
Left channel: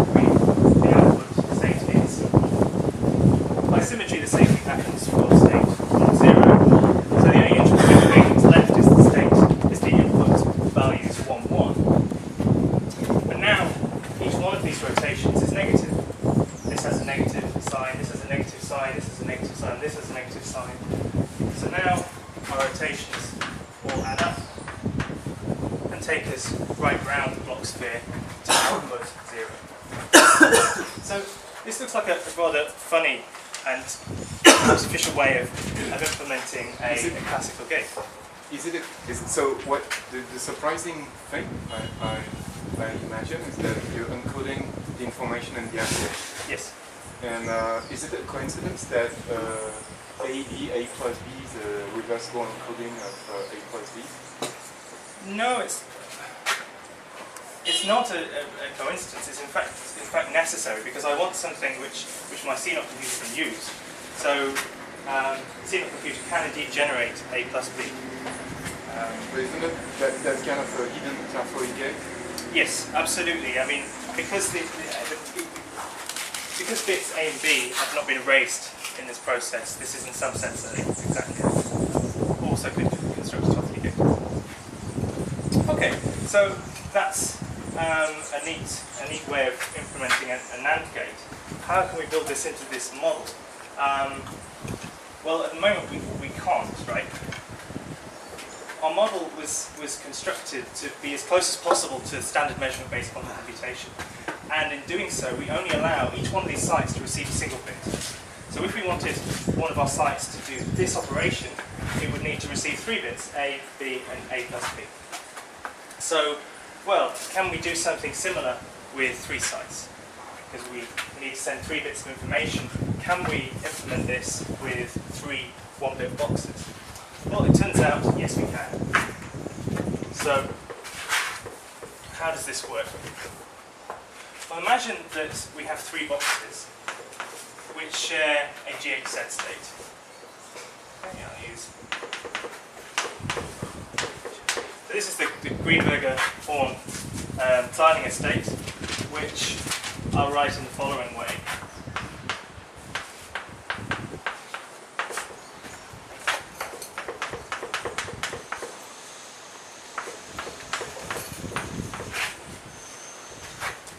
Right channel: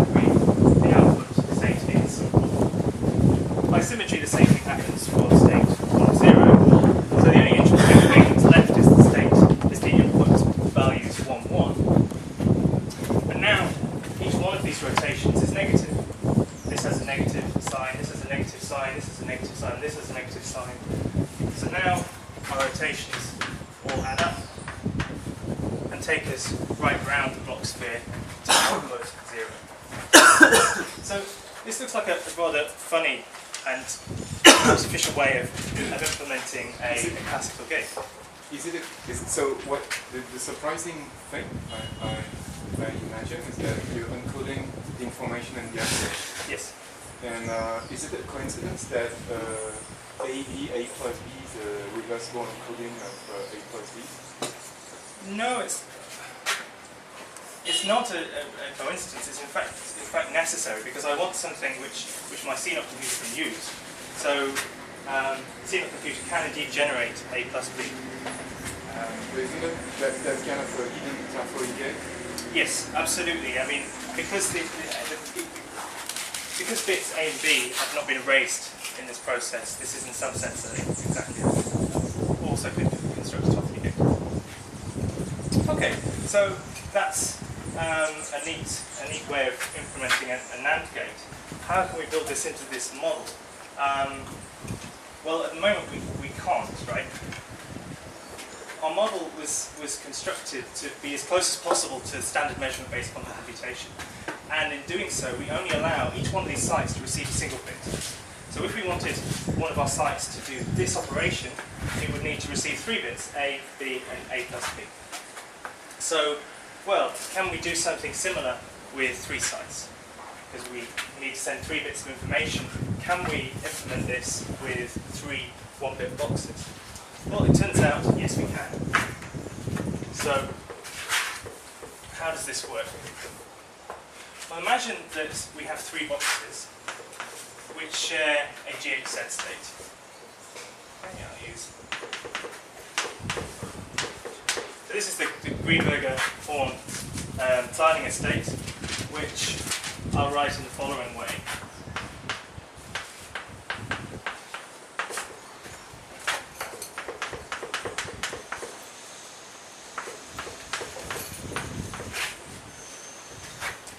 the output state is 1. By symmetry, the same thing happens for state 1, 0. So the only interesting thing left is the input values 1, 1. But now, each one of these rotations is negative. This has a negative sign, this has a negative sign, this has a negative sign, this has a negative sign. So now our rotations all add up and take us right round the block sphere to output 0. So this looks like a rather funny and artificial way of implementing a classical gate. Is it so? What the surprising thing I imagine is that you're encoding the information in the address. Yes. And is it a coincidence that A plus B is a reversible encoding of A plus B? No, it's not a coincidence. It's in fact necessary because I want something which my CNOT computer can use. So the CNOT computer can indeed generate A plus B. But isn't it that's kind of a hidden metaphoric gate? Yes, absolutely. I mean, because bits A and B have not been erased in this process, this is in some sense exactly also could construct a Toffoli gate. Okay, so that's a neat way of implementing a NAND gate. How can we build this into this model? Well, at the moment we can't, right? Our model was constructed to be as close as possible to standard measurement-based quantum computation. And in doing so, we only allow each one of these sites to receive a single bit. So if we wanted one of our sites to do this operation, it would need to receive 3 bits, A, B, and A plus B. So, well, can we do something similar with 3 sites? Because we need to send 3 bits of information. Can we implement this with 3 1-bit boxes? Well, it turns out, yes, we can. So, how does this work? Well, imagine that we have 3 boxes which share a GHZ state. Okay, I'll use. So this is the Greenberger-Horn tiling estate, which I'll write in the following way.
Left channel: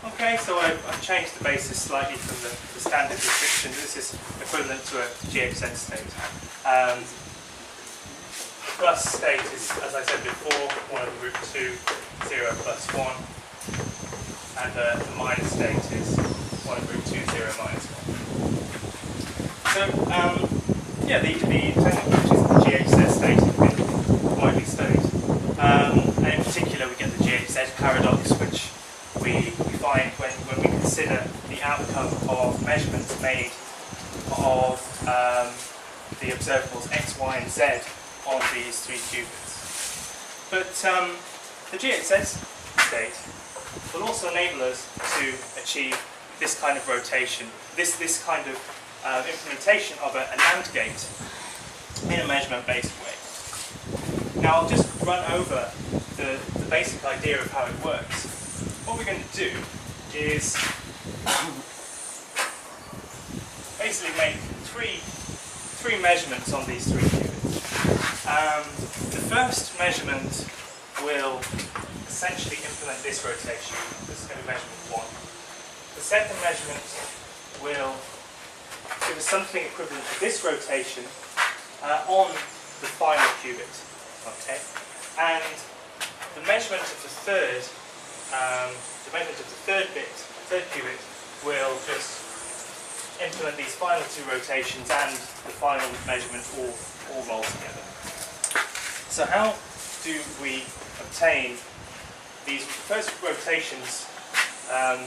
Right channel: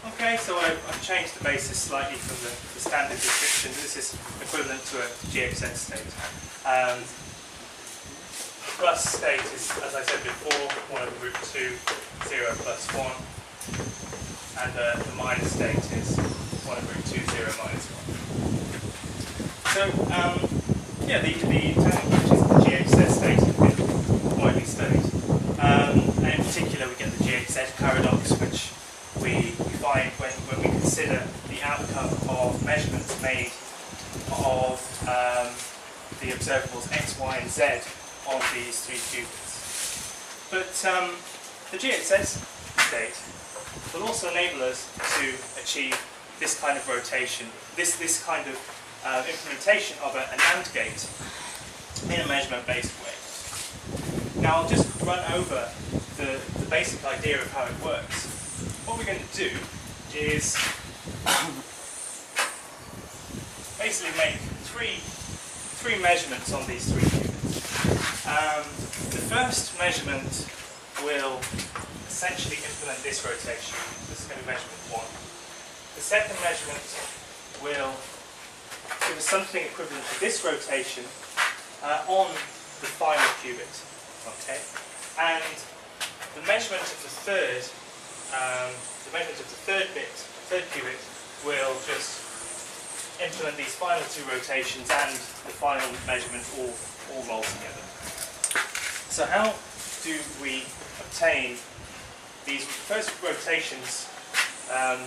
Okay, so I've changed the basis slightly from the standard description. This is equivalent to a GHZ state. Plus state is, as I said before, 1 over root 2, 0 plus 1. And the minus state is 1 over root 2, 0 minus 1. So, yeah, the technical the GHZ state has been widely studied. And in particular, we get the GHZ paradox, which we find when we consider the outcome of measurements made of the observables x, y, and z on these 3 qubits. But the GHZ state will also enable us to achieve this kind of rotation, this kind of implementation of a NAND gate in a measurement-based way. Now I'll just run over the basic idea of how it works. What we're going to do is basically make three measurements on these 3 qubits. The first measurement will essentially implement this rotation. This is going to be measurement 1. The second measurement will give us something equivalent to this rotation on the final qubit. Okay, and the measurement of the third qubit will just implement these final 2 rotations and the final measurement all roll together. So how do we obtain these first rotations on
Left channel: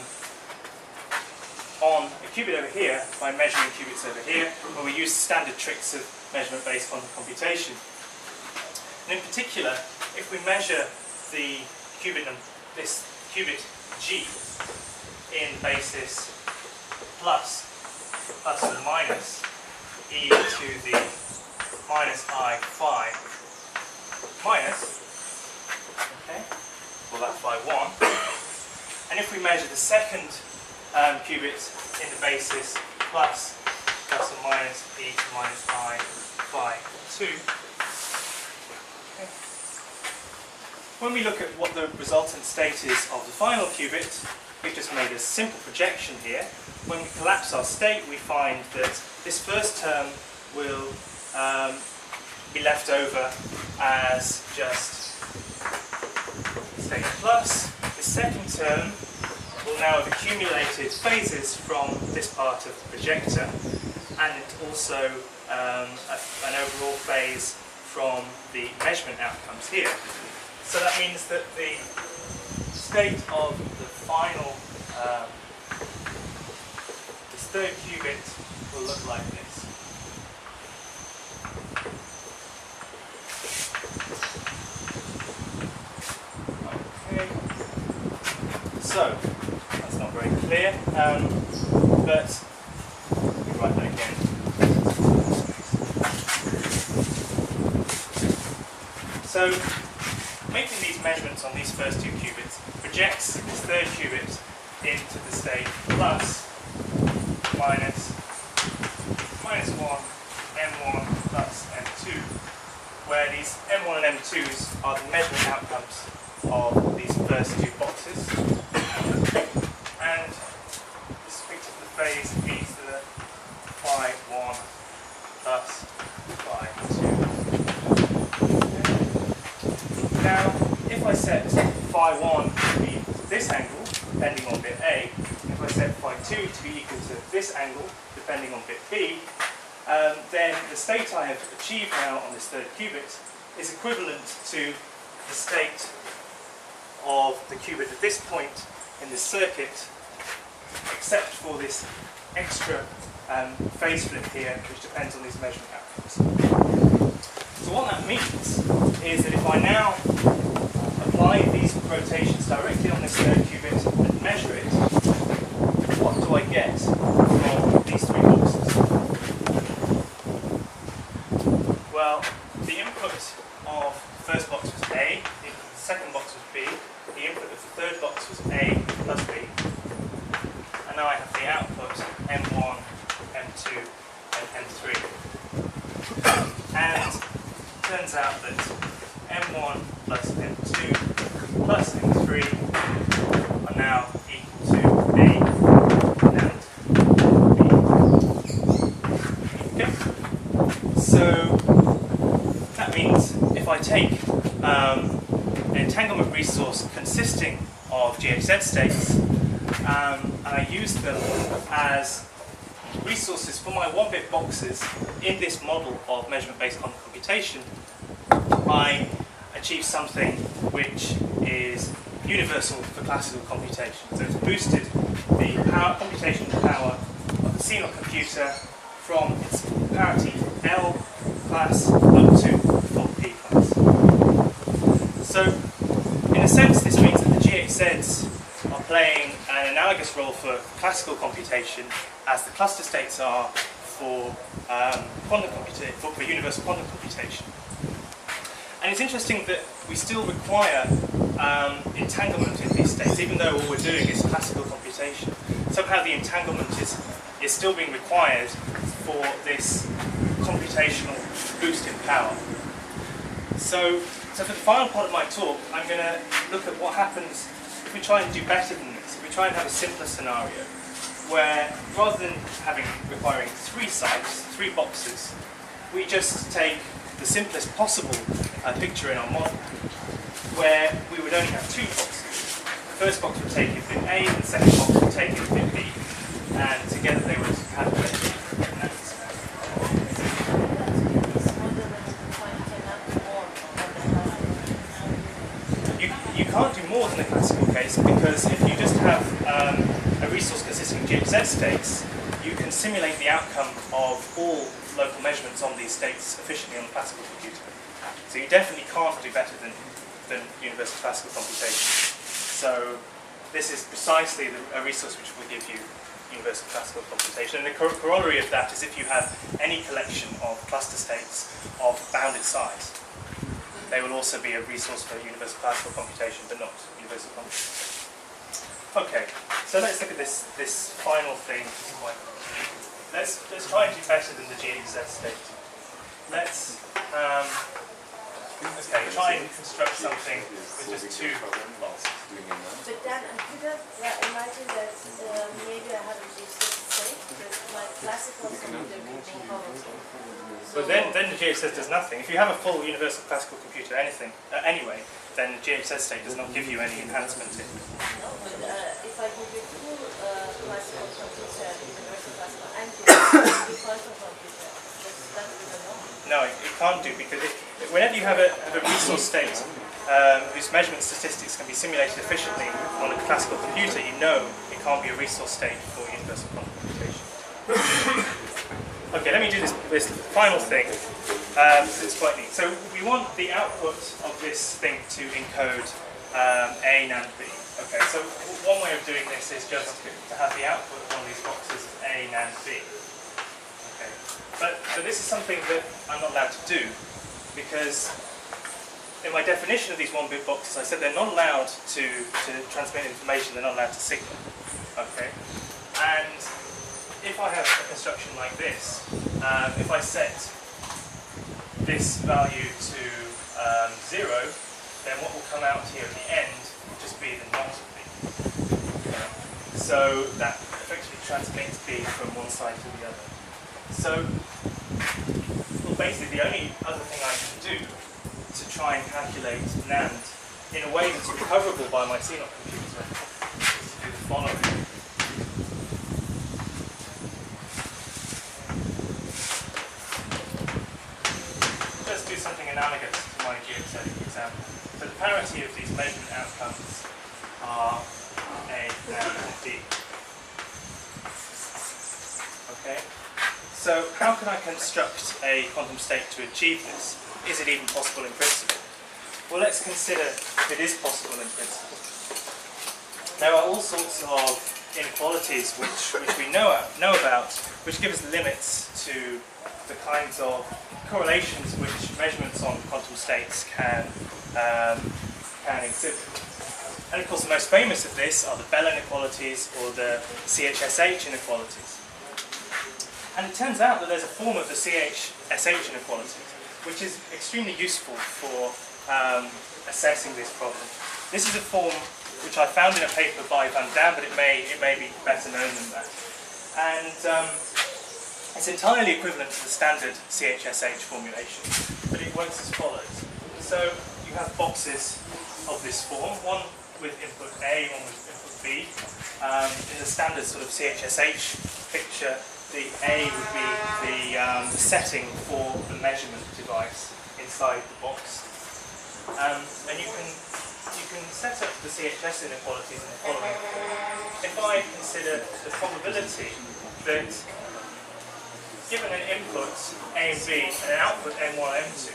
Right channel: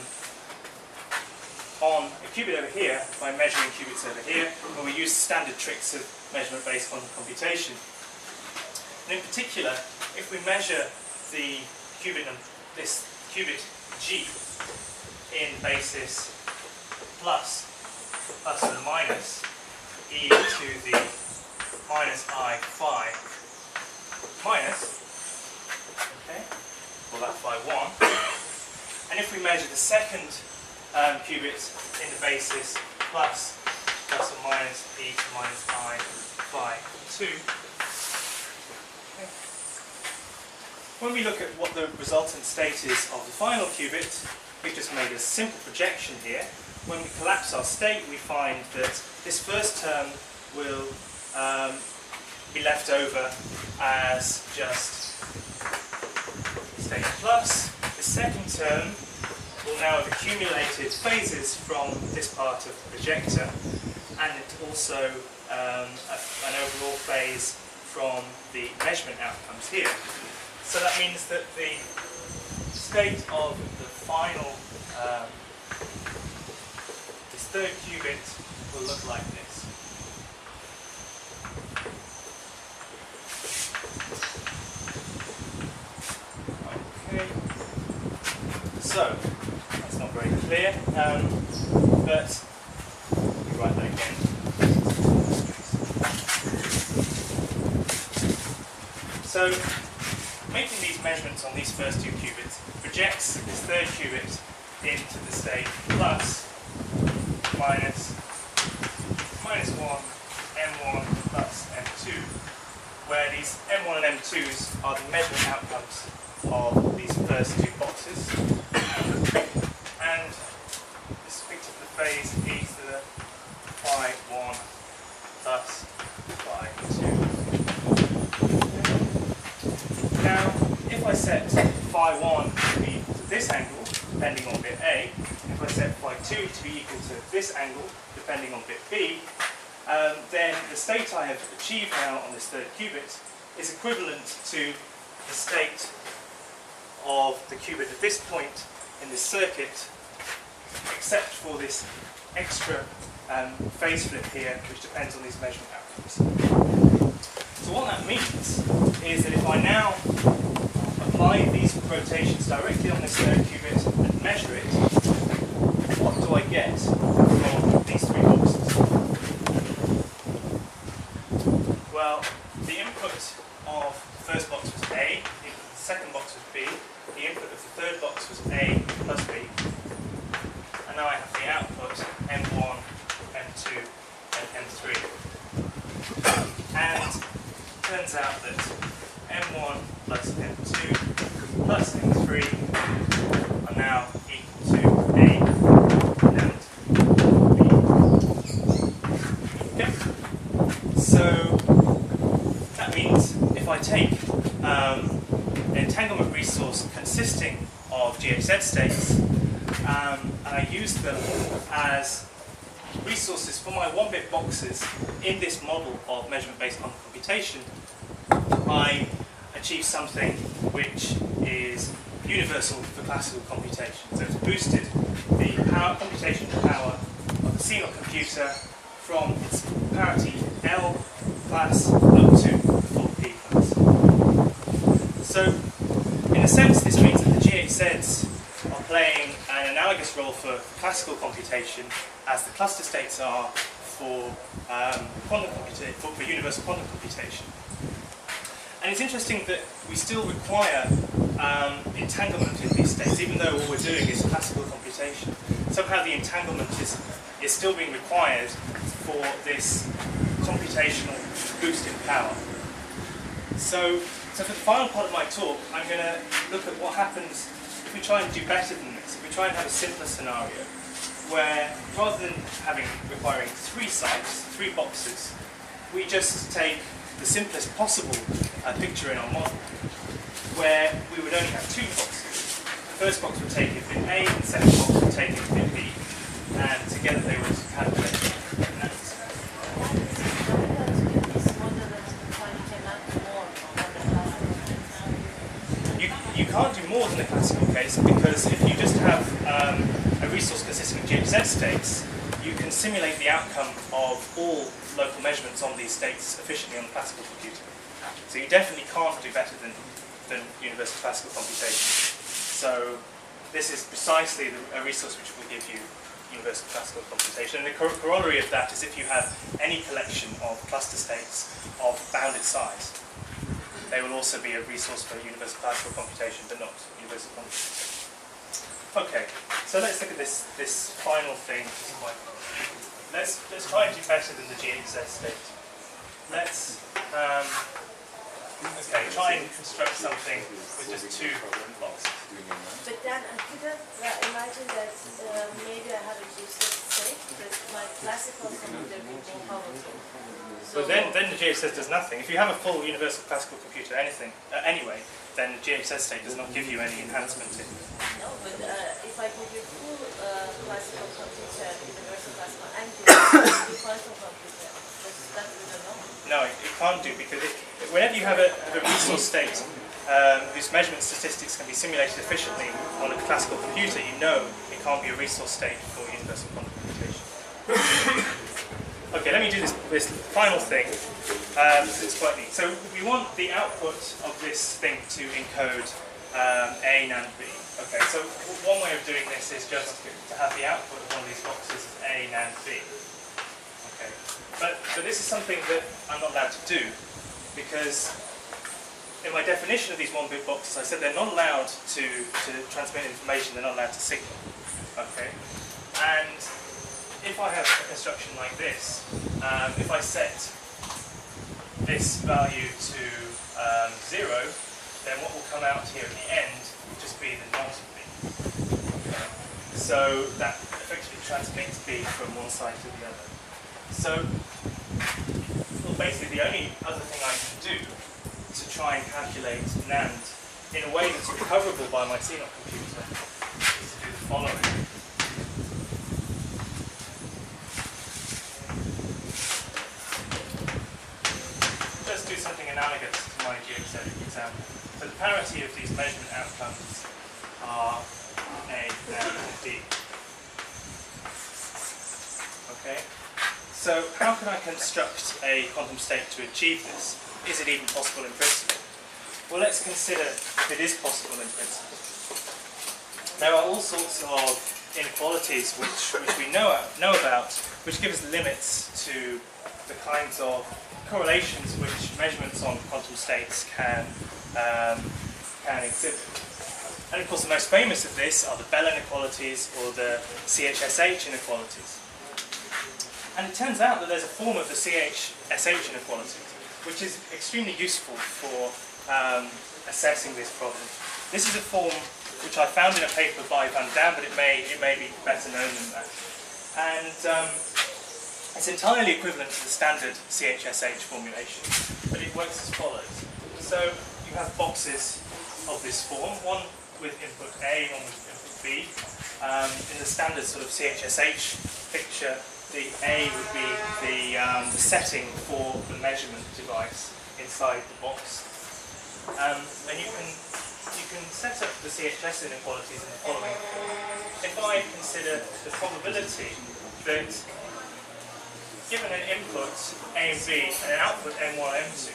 a qubit over here by measuring qubits over here, where we use standard tricks of measurement-based quantum computation? And in particular, if we measure the qubit, this qubit G in basis plus or minus e to the minus I phi minus, okay, well that phi 1, and if we measure the second qubit in the basis plus or minus e to minus I phi 2, okay. When we look at what the resultant state is of the final qubit, we've just made a simple projection here. When we collapse our state, we find that this first term will be left over as just state plus. The second term will now have accumulated phases from this part of the projector, and also an overall phase from the measurement outcomes here. So that means that the state of the final, this third qubit, will look like this. Okay, so that's not very clear, but let me write that again. So making these measurements on these first two qubits projects this third qubit into the state plus, minus, minus 1, M1 plus M2, where these M1 and M2s are the measurement outcomes of these first two boxes. And this particular phase e to the phi 1 plus phi 2. Now, if I set phi 1 to be equal to this angle, depending on bit A, and if I set phi 2 to be equal to this angle, depending on bit B, then the state I have achieved now on this third qubit is equivalent to the state of the qubit at this point in this circuit, except for this extra phase flip here, which depends on these measurement outcomes. So what that means is that if I now apply these rotations directly on this third qubit and measure it, what do I get from these three boxes? Well, the input of the first box was A, the input of the second box was B, the input of the third box was A plus B, and now I have the output M1, M2, and M3. And it turns out that M1 plus M2 plus M3 are now equal to A and B. Okay? So that means if I take an entanglement resource consisting of GHZ states and I use them as resources for my 1-bit boxes in this model of measurement-based quantum computation, I achieve something which is universal for classical computation. So it's boosted the computational power of the CNOT computer from its parity L class up to the full P class. So in a sense, this means that the GHZs are playing an analogous role for classical computation as the cluster states are for universal quantum computation. And it's interesting that we still require entanglement in these states, even though all we're doing is classical computation. Somehow the entanglement is still being required for this computational boost in power. So for the final part of my talk, I'm going to look at what happens if we try and do better than this, if we try and have a simpler scenario, where rather than requiring 3 sites, 3 boxes, we just take the simplest possible picture in our model, where we would only have 2 boxes. The first box would take in bit A, and the second box would take in bit B, and together they would calculate the answer. This model that you cannot do more on the can't do more than the classical case, because if you just have a resource consisting of GHZ states, you can simulate the outcome of all local measurements on these states efficiently on the classical computer. So you definitely can't do better than universal classical computation. So this is precisely a resource which will give you universal classical computation. And the corollary of that is if you have any collection of cluster states of bounded size, they will also be a resource for universal classical computation, but not universal computation. Okay, so let's look at this final thing. Let's try and do better than the GHZ state. Let's try and construct something with just two boxes. But then I could have imagined that maybe I have a GHZ state, but my classical computer would be more powerful. So But then the GHZ does nothing. If you have a full universal classical computer anyway, then the GHZ state does not give you any enhancement in. no, but if I give you full classical computer, universal classical, and the quantum computer, that we don't know. No, it can't do, because whenever you have a resource state whose measurement statistics can be simulated efficiently on a classical computer, you know it can't be a resource state for universal quantum computation. Okay, let me do this final thing. It's quite neat. So we want the output of this thing to encode A, NAND, B. Okay, so one way of doing this is just to have the output of one of these boxes as A, NAND, B. Okay, but this is something that I'm not allowed to do, because in my definition of these one-bit boxes, I said they're not allowed to transmit information, they're not allowed to signal. Okay, and if I have a construction like this, if I set this value to 0, then what will come out here at the end will just be the not of B. Okay. So that effectively transmits B from one side to the other. So, well, basically the only other thing I can do to try and calculate NAND in a way that's recoverable by my CNOT computer is to do the following. Let's do something analogous to my GHZ example. So the parity of these measurement outcomes are A, NAND, and B. Okay? So how can I construct a quantum state to achieve this? Is it even possible in principle? Well, let's consider if it is possible in principle. There are all sorts of inequalities which we know about, which give us limits to the kinds of correlations which measurements on quantum states can exhibit. And of course the most famous of this are the Bell inequalities or the CHSH inequalities. And it turns out that there's a form of the CHSH inequality which is extremely useful for assessing this problem. This is a form which I found in a paper by Van Dam, but it may be better known than that. And it's entirely equivalent to the standard CHSH formulation, but it works as follows. So you have boxes of this form, one with input A, one with input B. In the standard sort of CHSH picture, the A would be the setting for the measurement device inside the box. And you can set up the CHS inequalities in the following form. If I consider the probability that given an input A and B and an output M1, M2,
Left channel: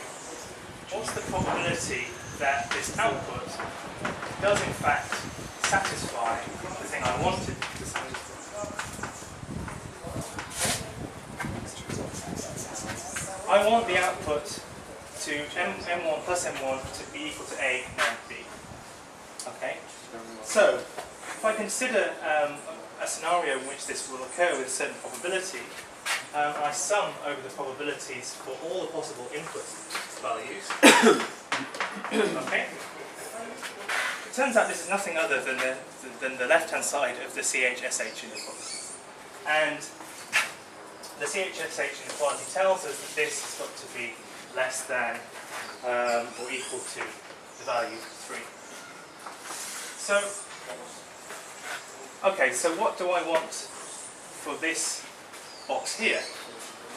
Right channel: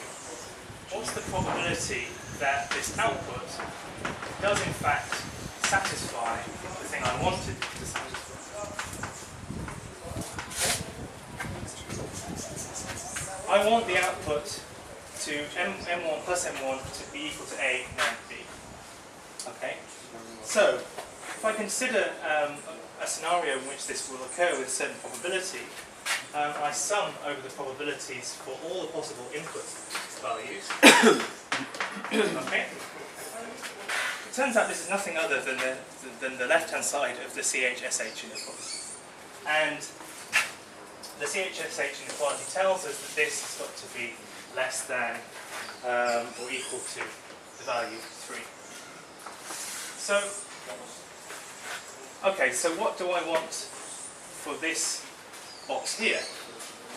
what's the probability that this output does in fact satisfy the thing I wanted to satisfy? I want the output to M1 plus M1 to be equal to A and B. Okay? So, if I consider a scenario in which this will occur with a certain probability, I sum over the probabilities for all the possible input values. Okay? It turns out this is nothing other than the left-hand side of the CHSH inequality. And the CHSH inequality tells us that this has got to be less than or equal to the value 3. So, okay, so what do I want for this box here?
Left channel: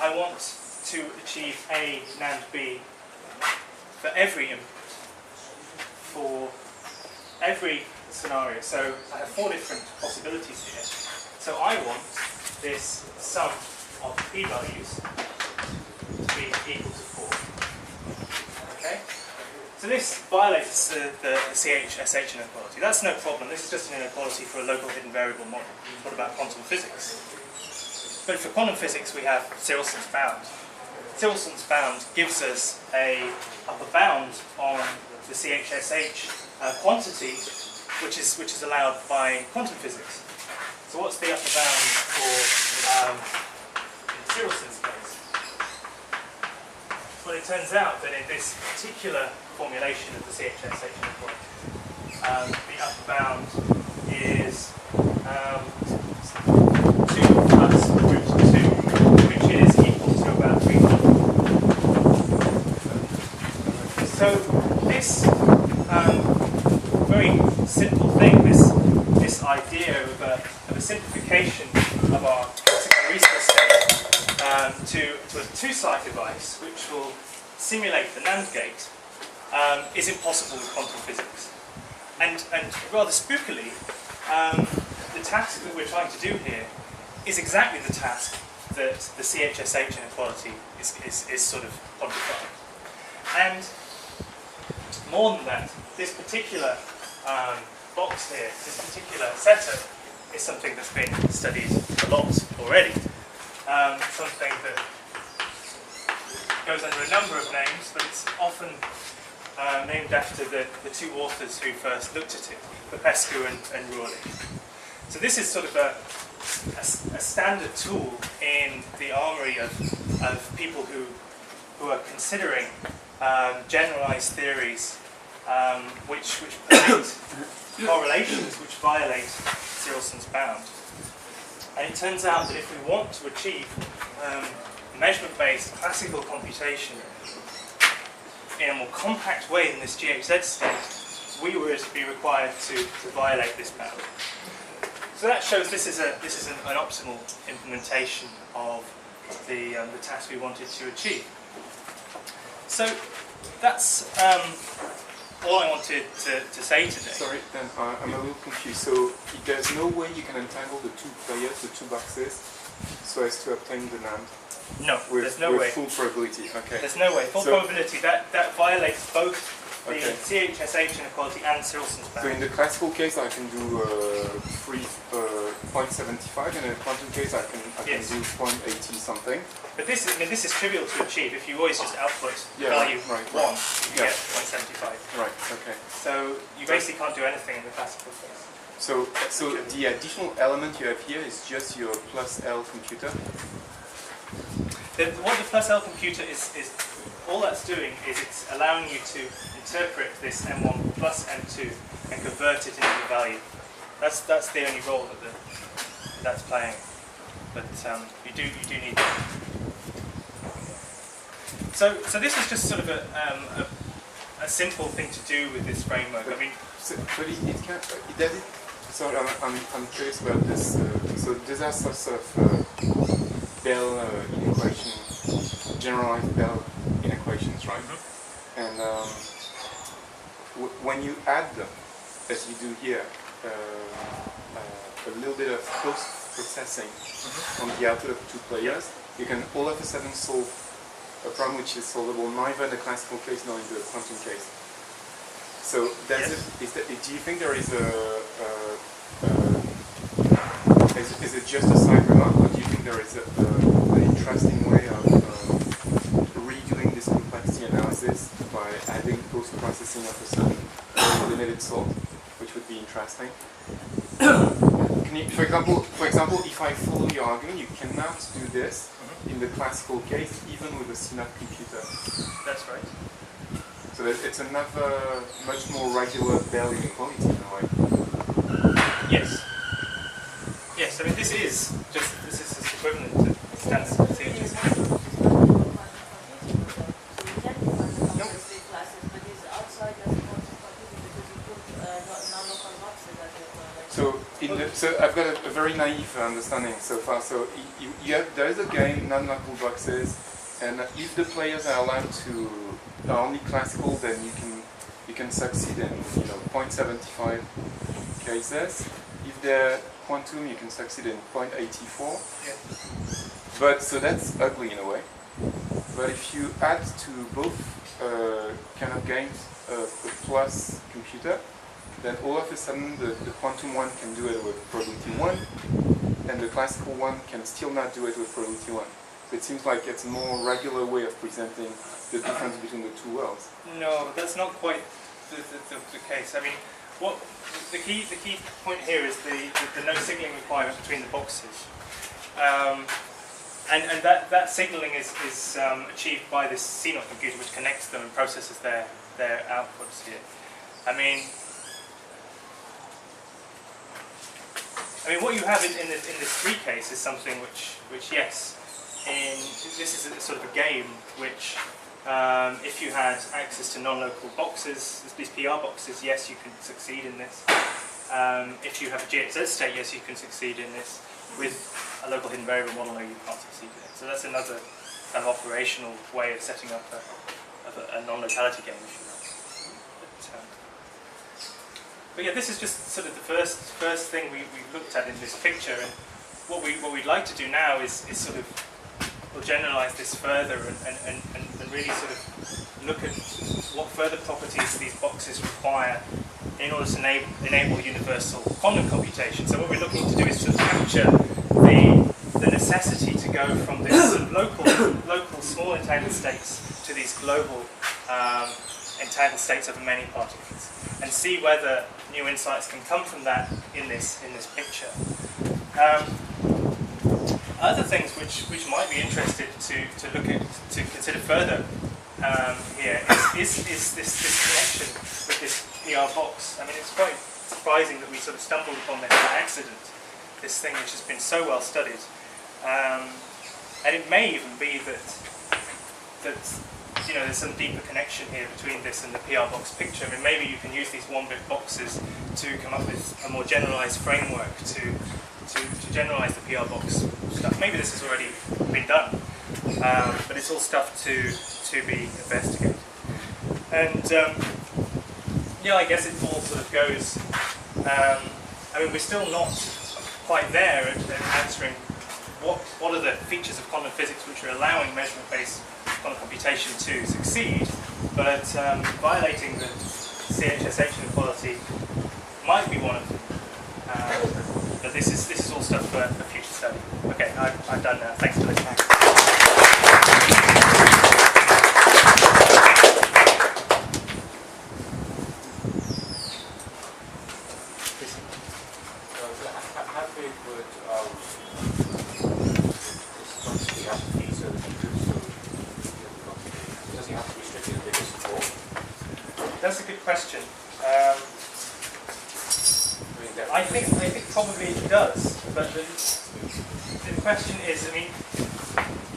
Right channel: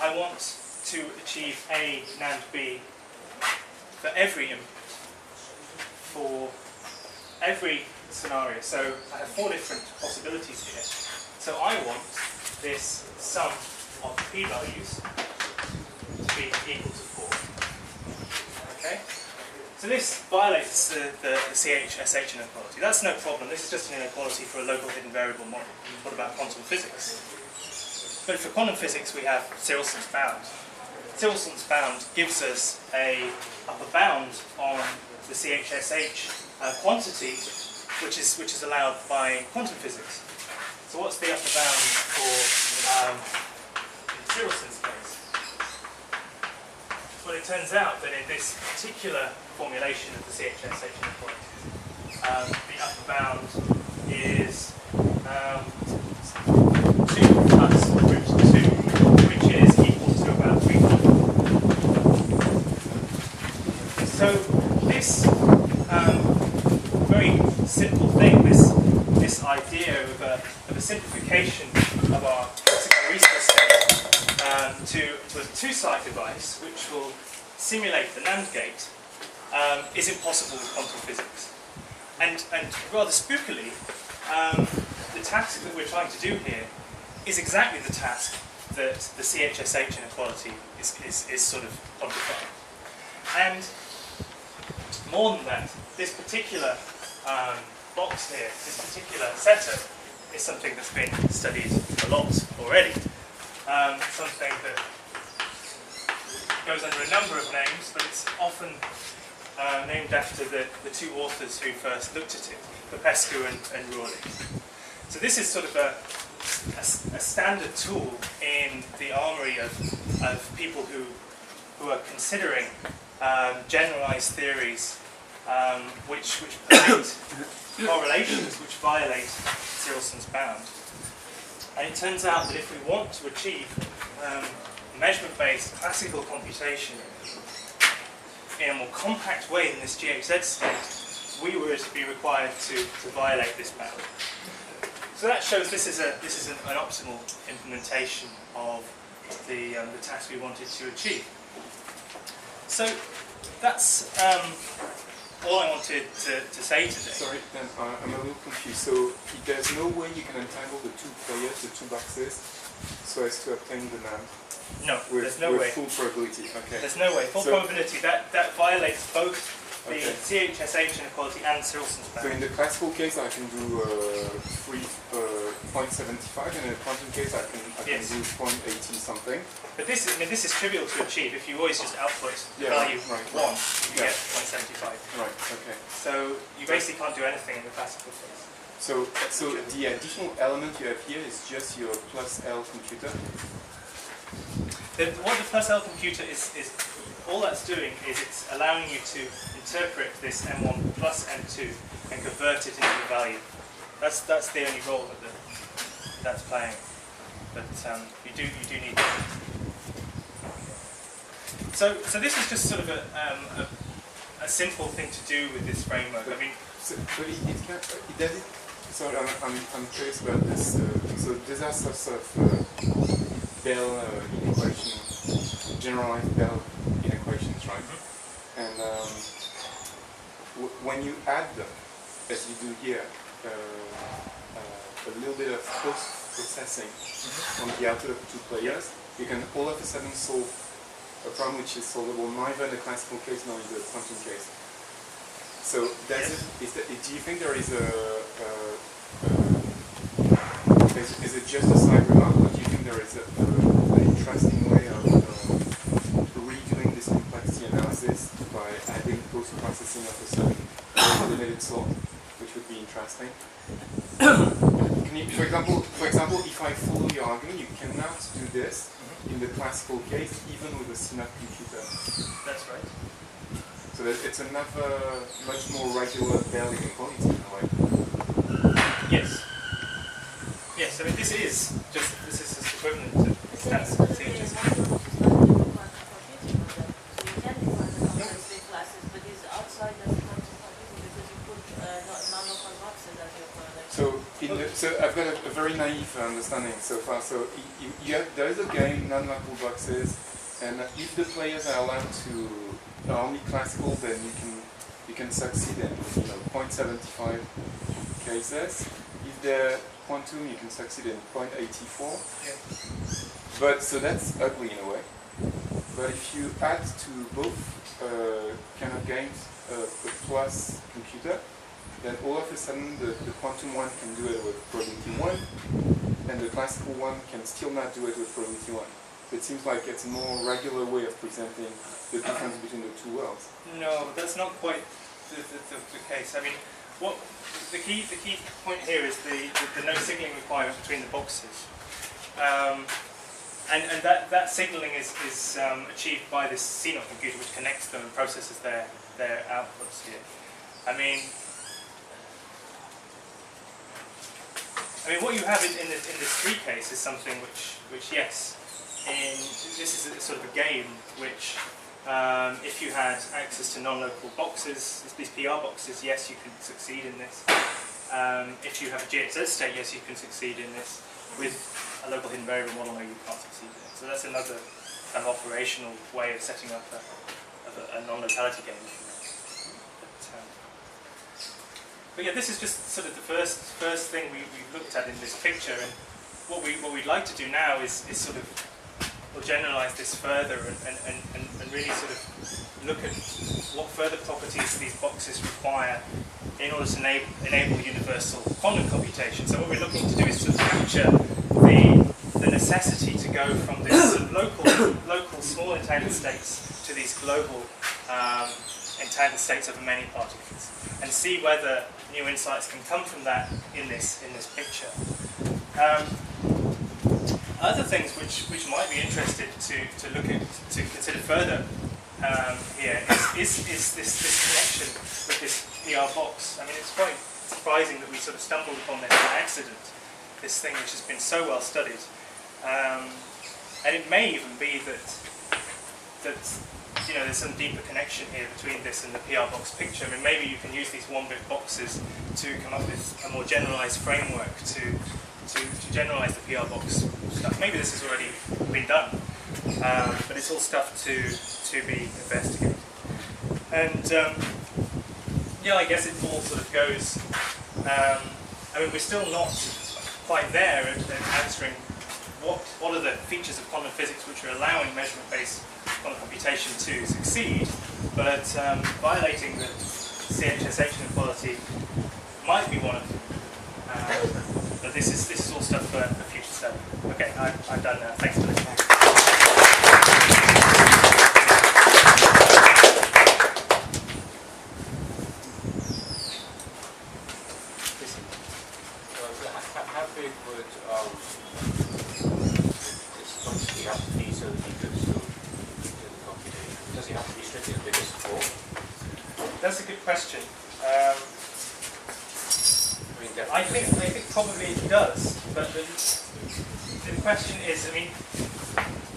I want to achieve A, NAND, B for every input for every scenario. So I have 4 different possibilities here. So I want this sum of p-values to be equal to 4. Okay? So this violates the CH-SH inequality. That's no problem. This is just an inequality for a local hidden variable model. What about quantum physics? But for quantum physics we have Sirelson's bound. Sirelson's bound gives us a upper bound on the CH-SH quantity, which is allowed by quantum physics. So what's the upper bound for in Sirelson's case? Well, it turns out that in this particular formulation of the CH-SH inequality, the upper bound is 2 plus root 2, which is equal to about 300. So this very simple thing, this idea of a simplification of our classical Riesler state to a 2-site device, which will simulate the NAND gate, is impossible with quantum physics. And rather spookily, the task that we're trying to do here is exactly the task that the CH-SH inequality is sort of quantifying. And more than that, this particular box here, this particular setup, is something that's been studied a lot already. Something that goes under a number of names, but it's often named after the 2 authors who first looked at it, Popescu and Rorley. So this is sort of a standard tool in the armory of people who are considering generalized theories which predict correlations which violate Sirelson's bound. And it turns out that if we want to achieve measurement-based classical computation in a more compact way than this GHZ state, we would be required to violate this bound. So that shows this is an optimal implementation of the task we wanted to achieve. So that's all I wanted to say today. Sorry, then I'm a little confused. So there's no way you can entangle the 2 players, the 2 boxes, so as to obtain the NAND? No, there's no way. With full probability, okay. There's no way. Full probability, that violates both the Okay. CH-SH inequality and Sirelson's bound. So in the classical case, I can do 0.75, and in the quantum case, I can Yes. do 0.80 something. But this is trivial to achieve. If you always just output Yeah, value right, 1, you Yeah. get 0.75. Right. Okay. So you basically can't do anything in the classical case. So the additional element you have here is just your plus L computer. What the plus L computer is all that's doing is it's allowing you to interpret this M1 plus M2 and convert it into the value. That's the only role that's playing. But you do need that. So this is just sort of a simple thing to do with this framework. I mean, But it can't. It does it. So I'm curious about this. So these are sorts of Bell inequation, generalized Bell inequations, right? Mm-hmm. And when you add, as you do here, a little bit of post-processing on the output of 2 players, you can all of a sudden solve a problem which is solvable neither in the classical case nor in the quantum case. So do you think there is is it just a side remark, or do you think there is an interesting way of redoing this complexity analysis by adding post-processing of a certain limited sort, which would be interesting? Can you, for example, if I follow your argument, you cannot do this in the classical case, even with a CNOT computer. that's right. So that it's another, much more regular Bell inequality in a way. Yes. Yes, I mean this is just equivalent to standard CHS. So I've got a very naive understanding so far. So there is a game, non-local boxes, and if the players are allowed to are only classical, then you can you can succeed in 0.75 cases. If they're quantum, you can succeed in 0.84. Yeah. But so that's ugly in a way. But if you add to both kind of games a plus computer, then all of a sudden the quantum one can do it with probability 1, and the classical one can still not do it with probability 1. So it seems like it's a more regular way of presenting the difference between the two worlds. No, that's not quite the case. I mean, what the key point here is the no signaling requirement between the boxes, and that signaling is achieved by this CNOT computer, which connects them and processes their outputs here. I mean, what you have in this 3 case is something which yes, this is a sort of a game which. If you had access to non-local boxes, these PR boxes, yes, you can succeed in this. If you have a GXZ state, yes, you can succeed in this. With a local hidden variable model, no, you can't succeed in it. So that's another kind of operational way of setting up a non-locality game, if you like. But yeah, this is just sort of the first thing we looked at in this picture, and what we'd like to do now is sort of we'll generalize this further and really sort of look at what further properties these boxes require in order to enable universal quantum computation. So what we're looking to do is to capture the necessity to go from this sort of local small entangled states to these global entangled states over many particles, and see whether new insights can come from that in this picture. Other things which might be interested to look at, to consider further here is this connection with this PR box. I mean, it's quite surprising that we sort of stumbled upon this by accident, this thing which has been so well studied. And it may even be that there's some deeper connection here between this and the PR box picture. I mean, maybe you can use these 1-bit boxes to come up with a more generalized framework to generalize the PR box stuff. Maybe this has already been done, but it's all stuff to be investigated. And yeah, I guess it all sort of goes. I mean, we're still not quite there at answering what are the features of quantum physics which are allowing measurement-based quantum computation to succeed, but violating the CHSH inequality might be one of them. But this is all stuff for future study. Okay, I'm done now. Thanks for listening. How big would this quantity have to be so that you could still do the computation? Does it have to be strictly as big as 4? That's a good question. I think probably it does, but the question is, I mean,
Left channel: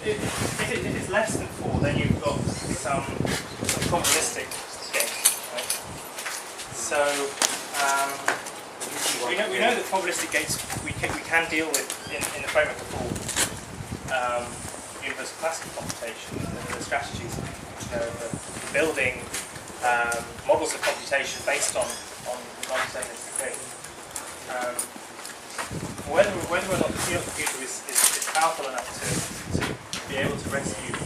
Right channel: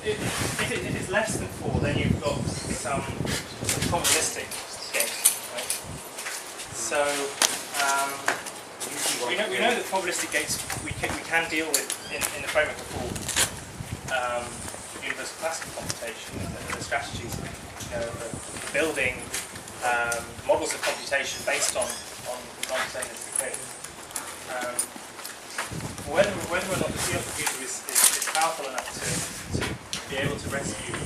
if it's less than 4, then you've got some probabilistic gates, right? So we know that probabilistic gates we can deal with in the framework of full universal classical computation, and the strategies, for building models of computation based on non-deterministic gates. Whether or not the CNOT computer is powerful enough to be able to rescue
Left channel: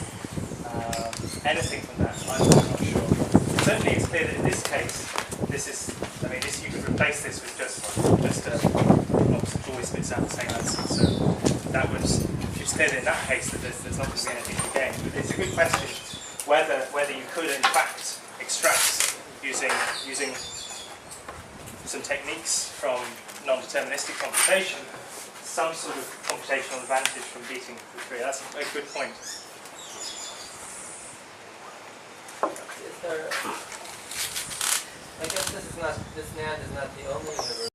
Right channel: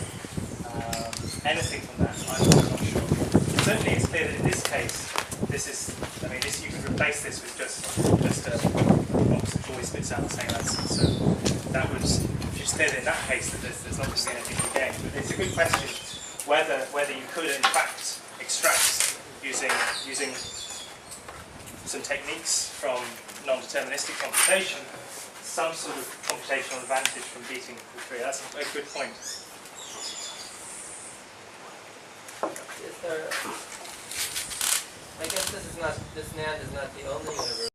anything from that, I'm not sure. Certainly, it's clear that in this case, you could replace this with just a box that always spits out the same answer. So that would, it's clear that in that case that there's not going to be anything to gain. But it's a good question whether you could in fact extract using some techniques from non-deterministic computation, some sort of computational advantage from beating the 3. That's a good point. I guess this NAND is not the only universe.